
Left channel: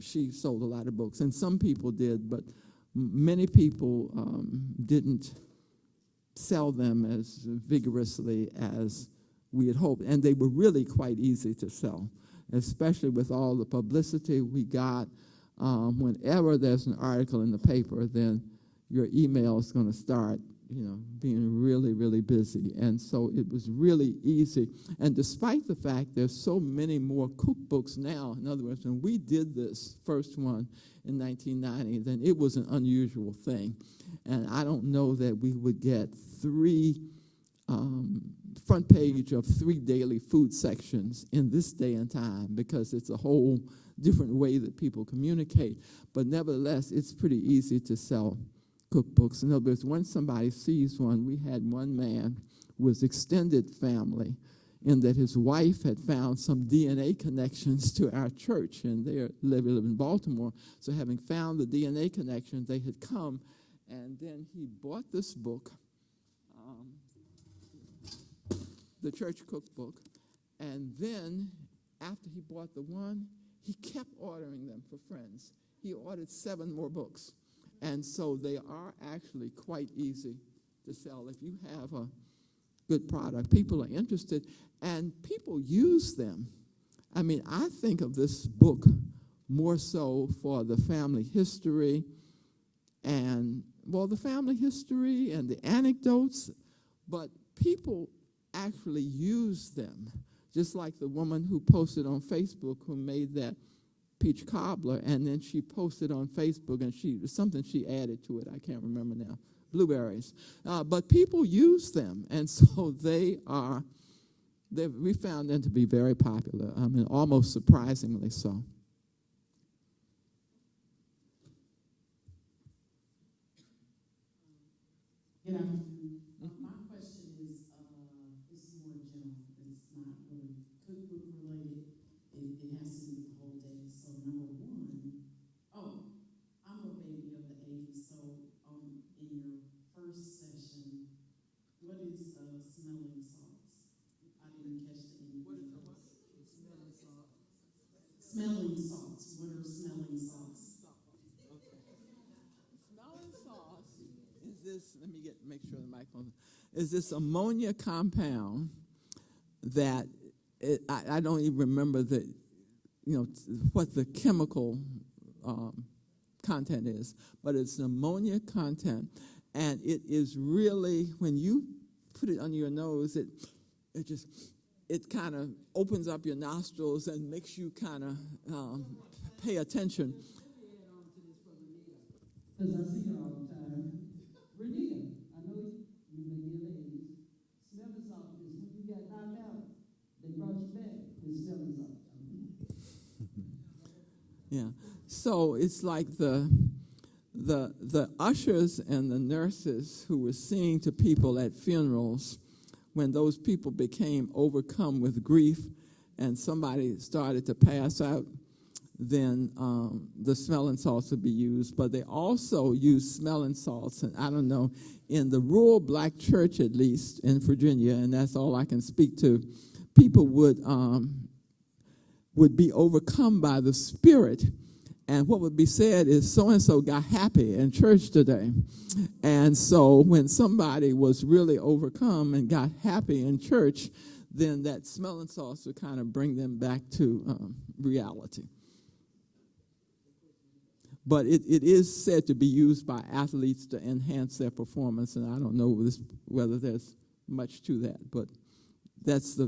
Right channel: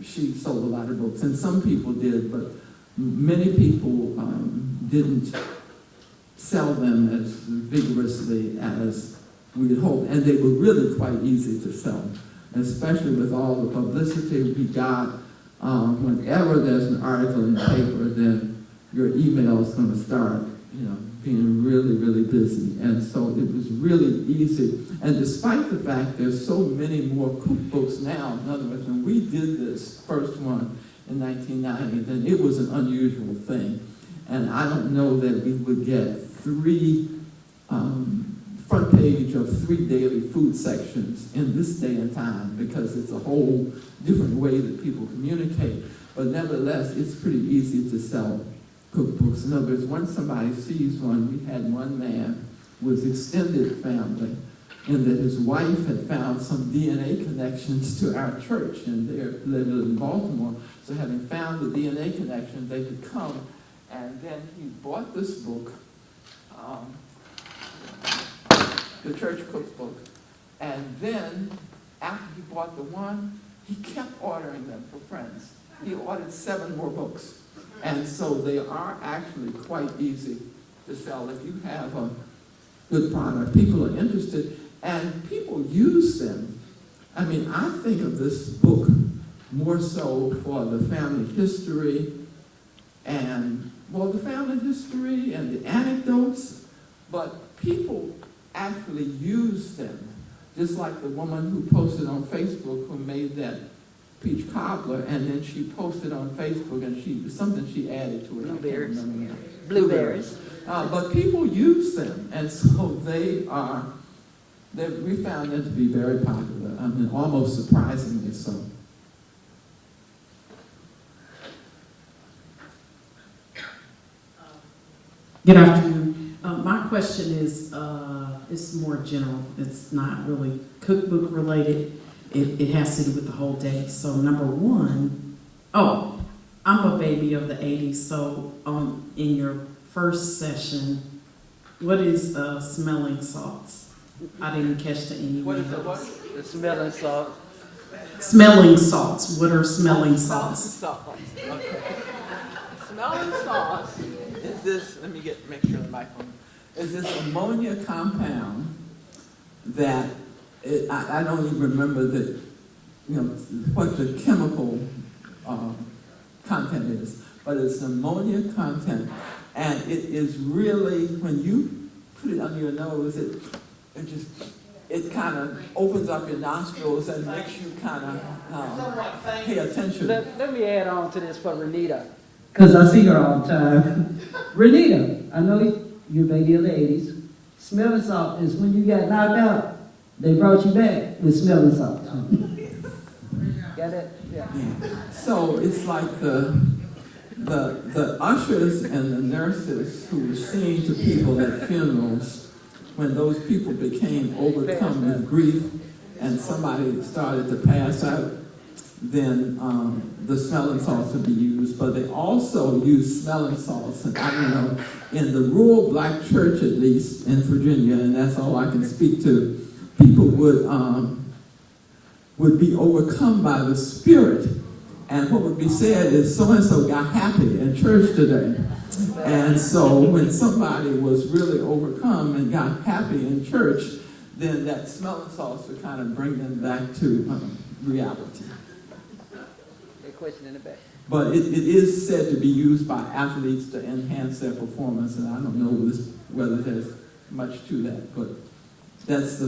she sold a lot of books, and some people did, but many people didn't sell them as vigorously as we had hoped, and they were really quite easy to sell, especially with all the publicity we got. Whenever there's an article in the paper, then your email is going to start, being really, really busy. And so it was really easy. And despite the fact there's so many more cookbooks now, in other words, when we did this first one in 1990, then it was an unusual thing. And I don't know that we would get 3 front page of 3 daily food sections in this day and time, because it's a whole different way that people communicate. But nevertheless, it's pretty easy to sell cookbooks. In other words, once somebody sees one, we had one man who was extended family, in that his wife had found some DNA connections to our church, and they lived in Baltimore. So having found the DNA connections, they had come, and then he bought this book, the church cookbook, and then after he bought the one, he kept ordering them for friends. He ordered 7 more books. And so they are actually quite easy to sell. If you have a good product, people are interested, and people use them. I mean, I think of this book more so for the family history and, well, the family history and the anecdotes, but people actually use them. Just like the woman who posted on Facebook who made that peach cobbler, and then she posted on Facebook, and something she added to it. Blueberries. I can't remember now. Blueberries. But people use them, and so we found them to be very popular. I mean, almost surprisingly so. Good afternoon. My question is, it's more general. It's not really cookbook related. It has to do with the whole day. So number one, I'm a baby of the 80s. So in your first session, what is smelling salts? I didn't catch the any. What is the what? The smelling salt. Smelling salts. What are smelling salts? Smelling salts. Okay. Smelling salts is this, let me make sure the mic on. Is this ammonia compound that, I don't even remember what the chemical content is, but it's an ammonia content, and it is really, when you put it under your nose, it kind of opens up your nostrils and makes you kind of pay attention. Let me add on to this for Renita. Because I see her all the time. Renita, I know you're a baby of the 80s. Smelling salt is when you got knocked out, they brought you back with smelling salt. Got it? Yeah. Yeah. So it's like the ushers and the nurses who were singing to people at funerals when those people became overcome with grief and somebody started to pass out, then the smelling salts would be used. But they also use smelling salts, and I don't know, in the rural black church at least in Virginia, and that's all I can speak to, people would be overcome by the Spirit. And what would be said is, so-and-so got happy in church today. And so when somebody was really overcome and got happy in church, then that smelling salts would kind of bring them back to reality. A question in the back. But it is said to be used by athletes to enhance their performance, and I don't know whether there's much to that, but that's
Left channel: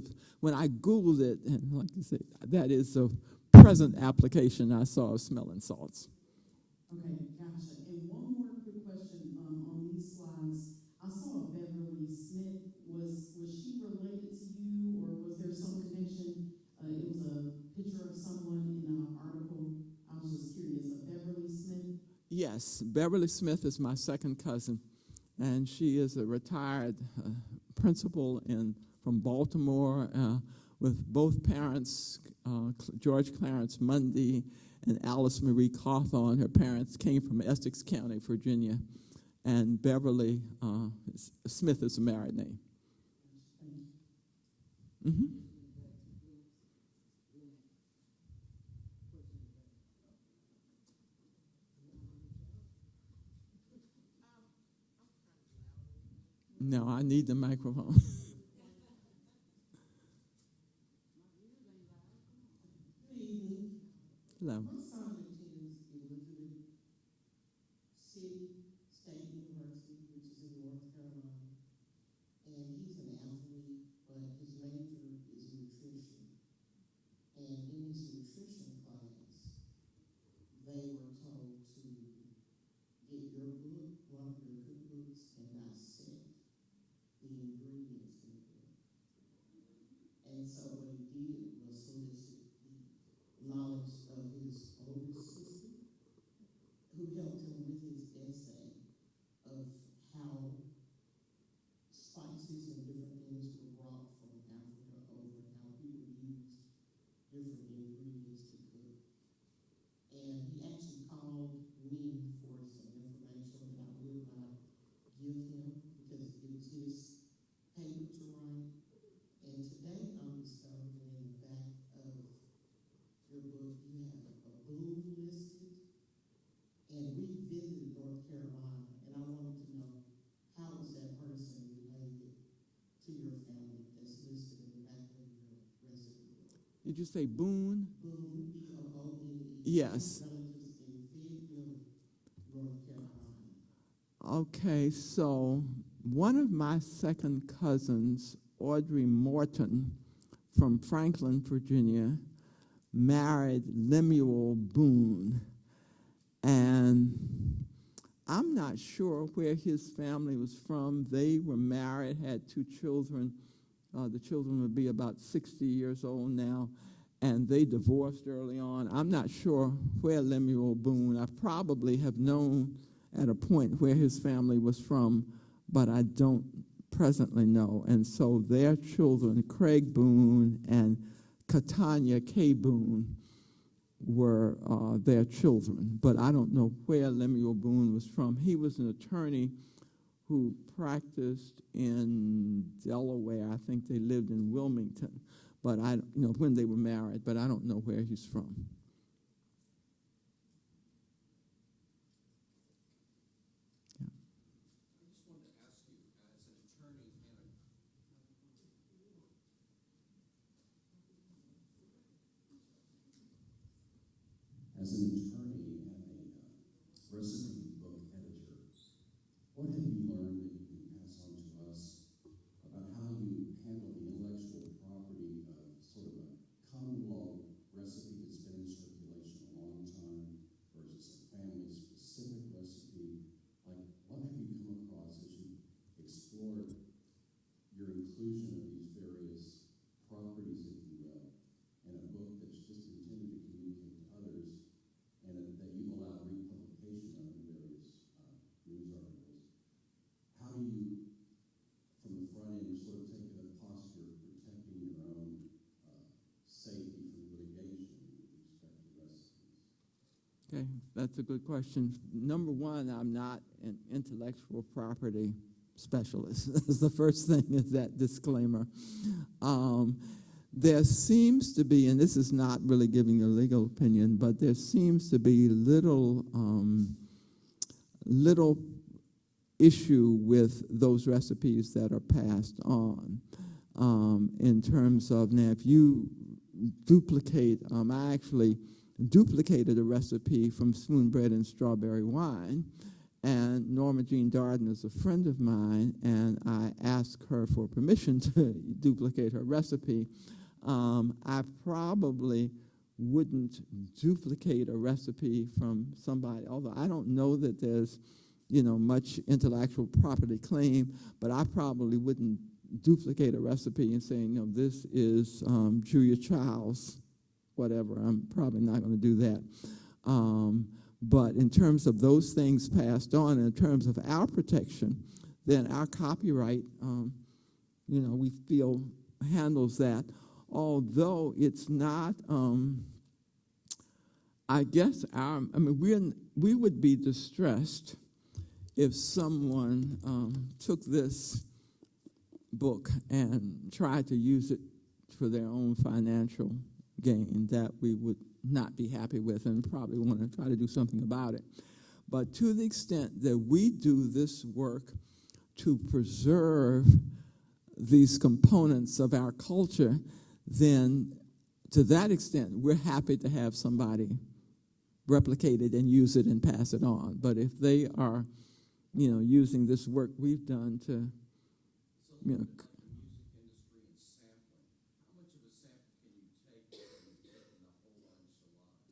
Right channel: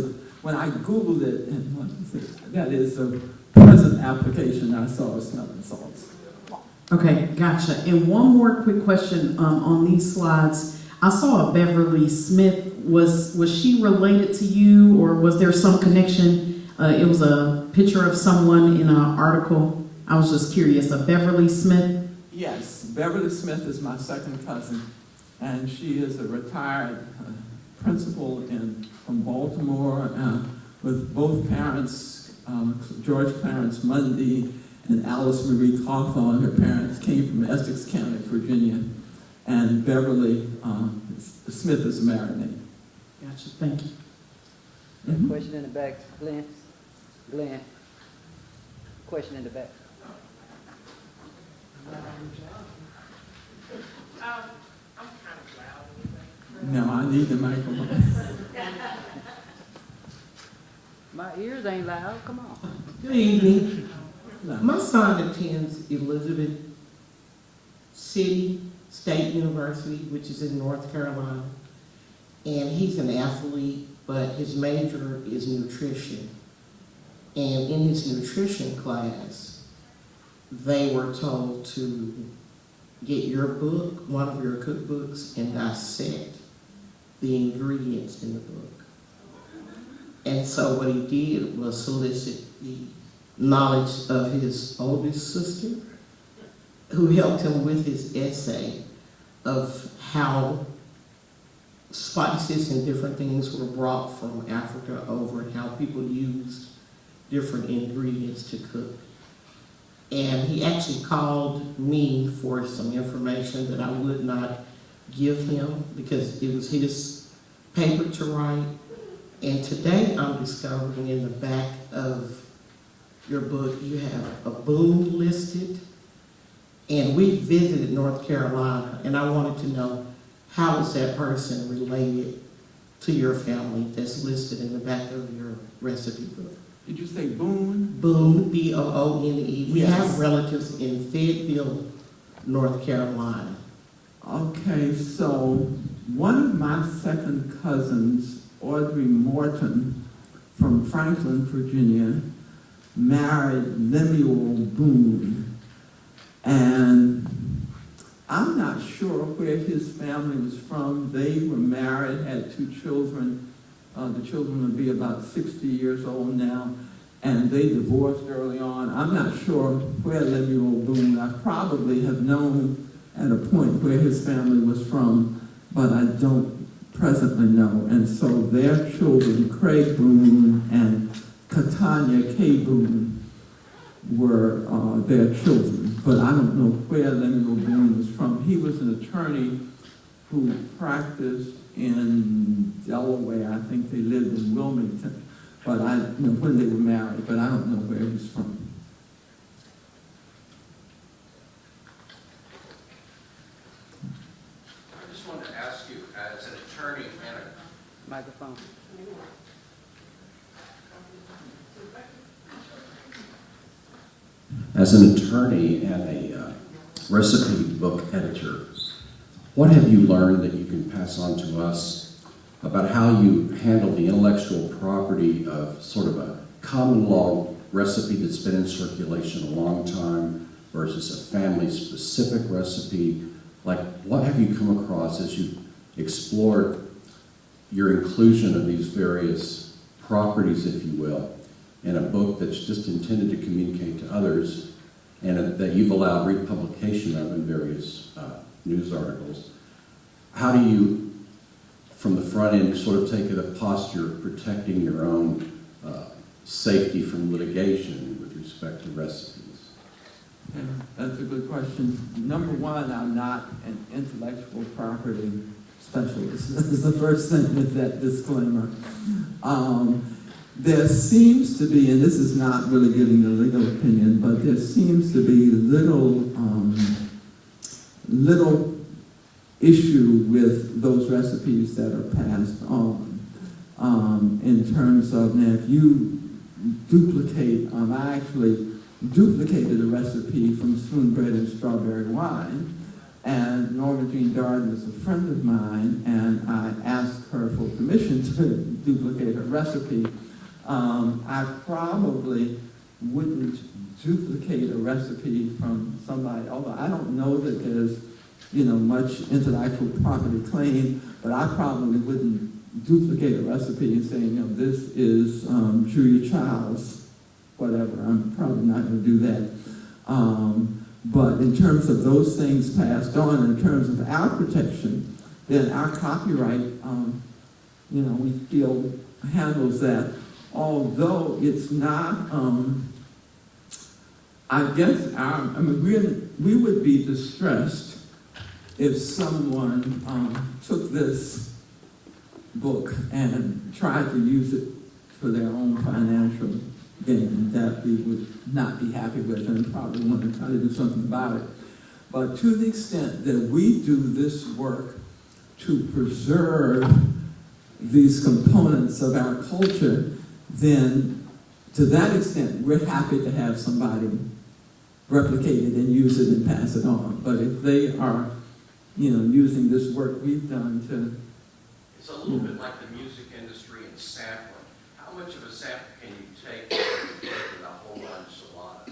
when I Googled it, and that is a present application I saw of smelling salts. Okay, gotcha. And one more quick question on these slides. I saw a Beverly Smith. Was she related to you, or was there some connection? It was a picture of someone in an article. I was just curious. A Beverly Smith? Yes, Beverly Smith is my second cousin, and she is a retired principal from Baltimore with both parents, George Clarence Mundy and Alice Marie Cawthorn. Her parents came from Essex County, Virginia, and Beverly Smith is a married name. Gotcha. Thank you. Mm-hmm. Question in the back. Glenn. Question in the back. No, I need the microphone. My ears ain't loud. Come on. Good evening. No. My son attends Elizabeth City State University, which is in North Carolina. And he's an athlete, but his major is nutrition. And in his nutrition class, they were told to get your book, one of your cookbooks, and dissect the ingredients in the book. And so what he did was solicit the knowledge of his oldest sister, who helped him with his essay of how spices and different things were brought from Africa over and how people used different ingredients to cook. And he actually called me for some information that I would not give him because it was his paper to write. And today I'm discovering in the back of your book you have a boom listed. And we visited North Carolina, and I wanted to know, how is that person related to your family that's listed in the back of your recipe book? Did you say Boone? Boone, B-O-O-N-E. We Yes. have relatives in Fayetteville, North Carolina. Okay, so one of my second cousins, Audrey Morton, from Franklin, Virginia, married Lemuel Boone. And I'm not sure where his family was from. They were married, had 2 children. The children would be about 60 years old now, and they divorced early on. I'm not sure where Lemuel Boone, I probably have known at a point where his family was from, but I don't presently know. And so their children, Craig Boone and Catania K. Boone, were their children. But I don't know where Lemuel Boone was from. He was an attorney who practiced in Delaware. I think they lived in Wilmington. But I know when they were married, but I don't know where he's from. I just wanted to ask you, as an attorney and a Microphone. As an attorney and a recipe book editor, what have you learned that you can pass on to us about how you handle the intellectual property of sort of a common law recipe that's been in circulation a long time versus a family-specific recipe? Like, what have you come across as you've explored your inclusion of these various properties, if you will, in a book that's just intended to communicate to others and that you've allowed republication of in various news articles? How do you, from the front end, sort of take a posture of protecting your own safety from litigation with respect to recipes? Yeah, that's a good question. Number one, I'm not an intellectual property specialist. This is the first thing with that disclaimer. There seems to be, and this is not really giving a legal opinion, but there seems to be little issue with those recipes that are passed on in terms of, now if you duplicate, I actually duplicated a recipe from Spoonbread and Strawberry Wine, and Norma Jean Darden is a friend of mine, and I asked her for permission to duplicate her recipe. I probably wouldn't duplicate a recipe from somebody, although I don't know that there's, much intellectual property claim, but I probably wouldn't duplicate a recipe and say, this is Julia Child's, whatever. I'm probably not going to do that. But in terms of those things passed on, in terms of our protection, then our copyright, we feel handles that. Although it's not, I guess we would be distressed if someone took this book and tried to use it for their own financial gain. That we would not be happy with and probably want to try to do something about it. But to the extent that we do this work to preserve these components of our culture, then to that extent, we're happy to have somebody replicate it and use it and pass it on. But if they are, using this work we've done to... It's a little bit like the music industry and sampling. How much of a sample can you take with a whole enchilada?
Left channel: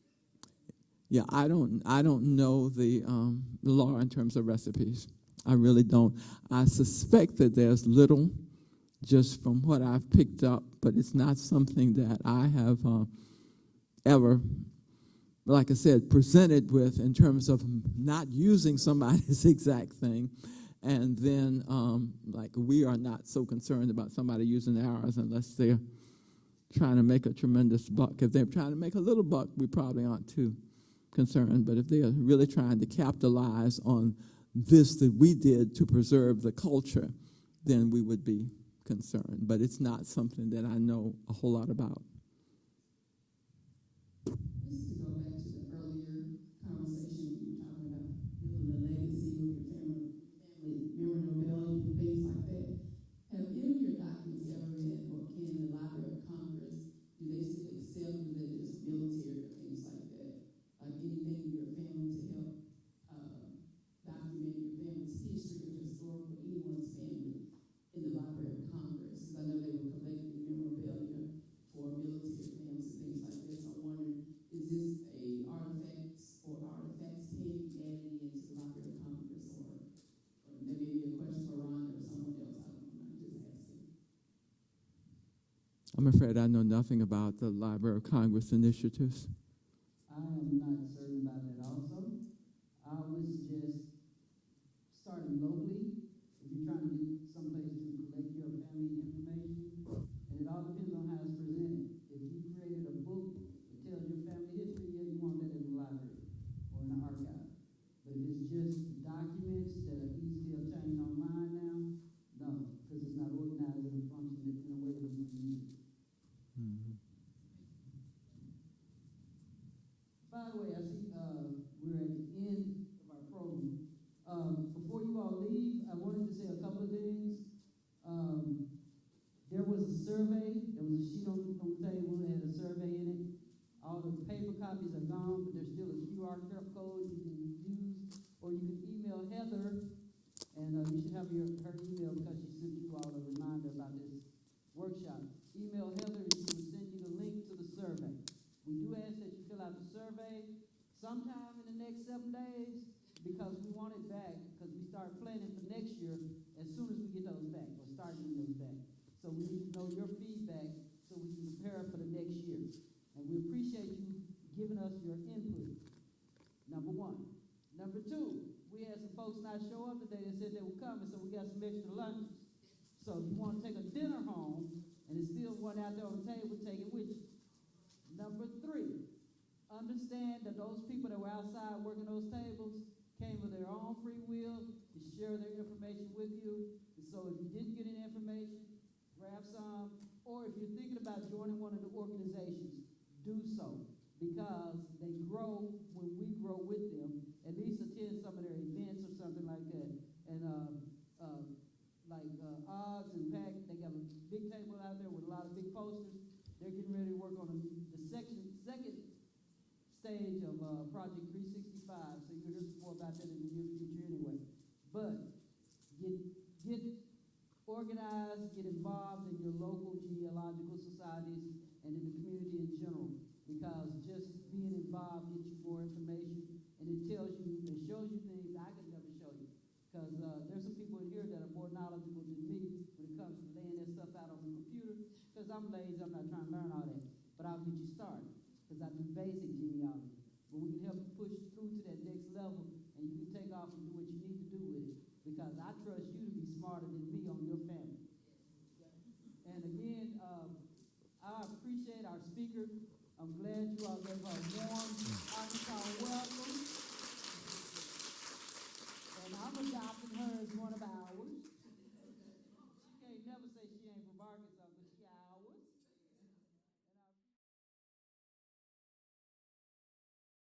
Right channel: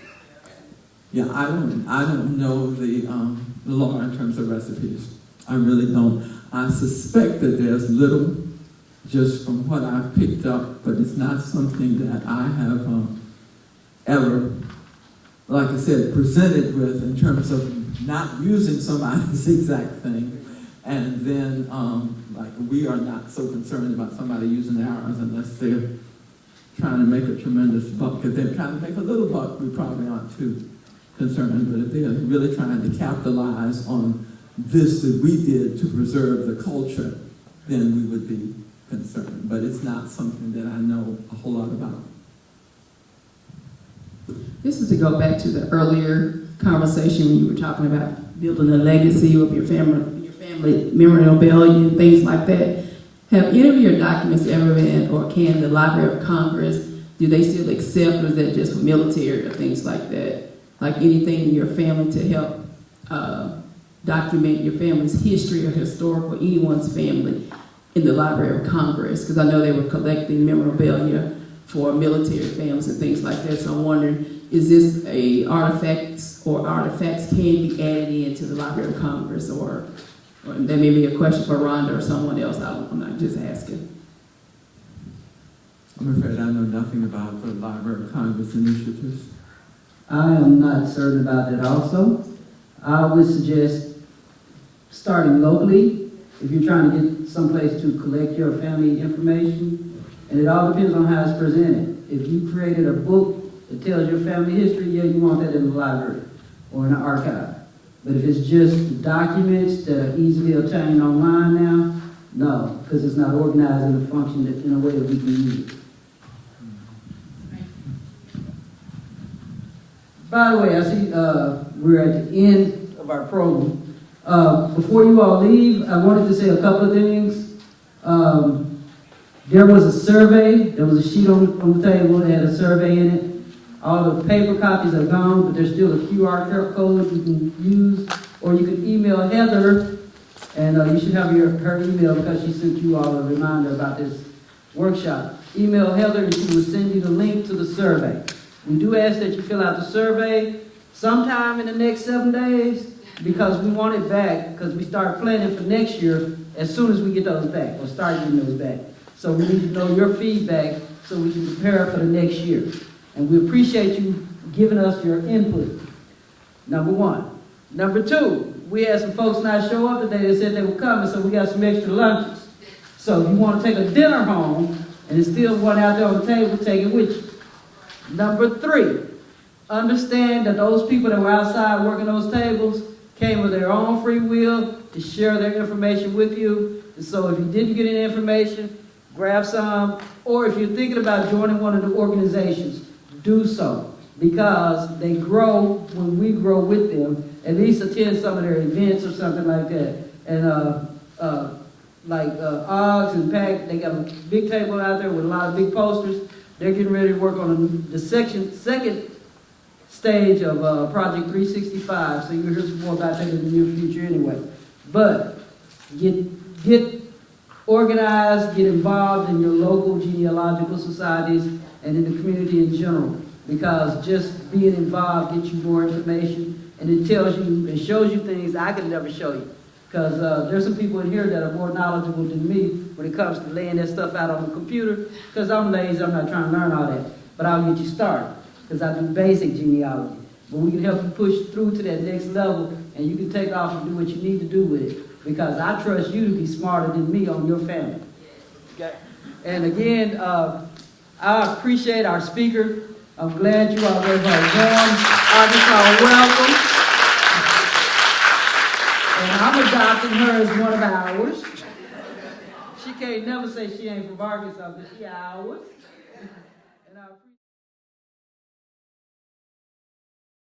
Yeah, I don't know the law in terms of recipes. I really don't. I suspect that there's little, just from what I've picked up, but it's not something that I have ever, like I said, presented with in terms of not using somebody's exact thing. And then, we are not so concerned about somebody using ours unless they're trying to make a tremendous buck. If they're trying to make a little buck, we probably aren't too concerned. But if they're really trying to capitalize on this that we did to preserve the culture, then we would be concerned. But it's not something that I know a whole lot about. This is to go back to the earlier conversation when you were talking about building a legacy of your family family memorabilia and things like that. Have any of your documents ever been, or can the Library of Congress, do they still accept, or is that just for military or things like that? Like anything in your family to help document your family's history or historical, anyone's family in the Library of Congress? Because I know they were collecting memorabilia for military families and things like that. So I'm wondering, is this a artifacts can be added into the Library of Congress, or that may be a question for Rhonda or someone else. I'm not just asking. I'm afraid I know nothing about the Library of Congress initiatives. I am not certain about that also. I would suggest starting locally if you're trying to get someplace to collect your family information, and it all depends on how it's presented. If you created a book that tells your family history, yeah, you want that in the library or in the archive. But if it's just documents that are easily obtained online now, no, because it's not organized in a function in a way that we can use it. By the way, I see we're at the end of our program. Before you all leave, I wanted to say a couple of things. There was a survey. There was a sheet on the table that had a survey in it. All the paper copies are gone, but there's still a QR code you can use, or you can email Heather, and you should have her email because she sent you all a reminder about this workshop. Email Heather and she will send you the link to the survey. We do ask that you fill out the survey sometime in the next 7 days because we want it back, because we start planning for next year as soon as we get those back, or start getting those back. So we need to know your feedback so we can prepare for the next year. And we appreciate you giving us your input, number one. Number two, we had some folks not show up today that said they were coming, so we got some extra lunches. So if you want to take a dinner home and there's still one out there on the table, take it with you. Number three, understand that those people that were outside working those tables came with their own free will to share their information with you. And so if you didn't get any information, grab some, or if you're thinking about joining one of the organizations, do so, because they grow when we grow with them. At least attend some of their events or something like that. And Oggs and Pack, they got a big table out there with a lot of big posters. They're getting ready to work on the second stage of Project 365, so you'll hear some more about that in the near future anyway. But get organized, get involved in your local genealogical societies and in the community in general, because just being involved gets you more information, and it tells you and shows you things I could never show you. Because there's some people in here that are more knowledgeable than me when it comes to laying that stuff out on the computer, because I'm lazy, I'm not trying to learn all that. But I'll get you started, because I do basic genealogy. But we can help you push through to that next level, and you can take off and do what you need to do with it, because I trust you to be smarter than me on your family. Okay? And again, I appreciate our speaker. I'm glad you all gave her a warm Arkansas welcome. And I'm adopting her as one of ours. She can't never say she ain't from Arkansas, but she ours.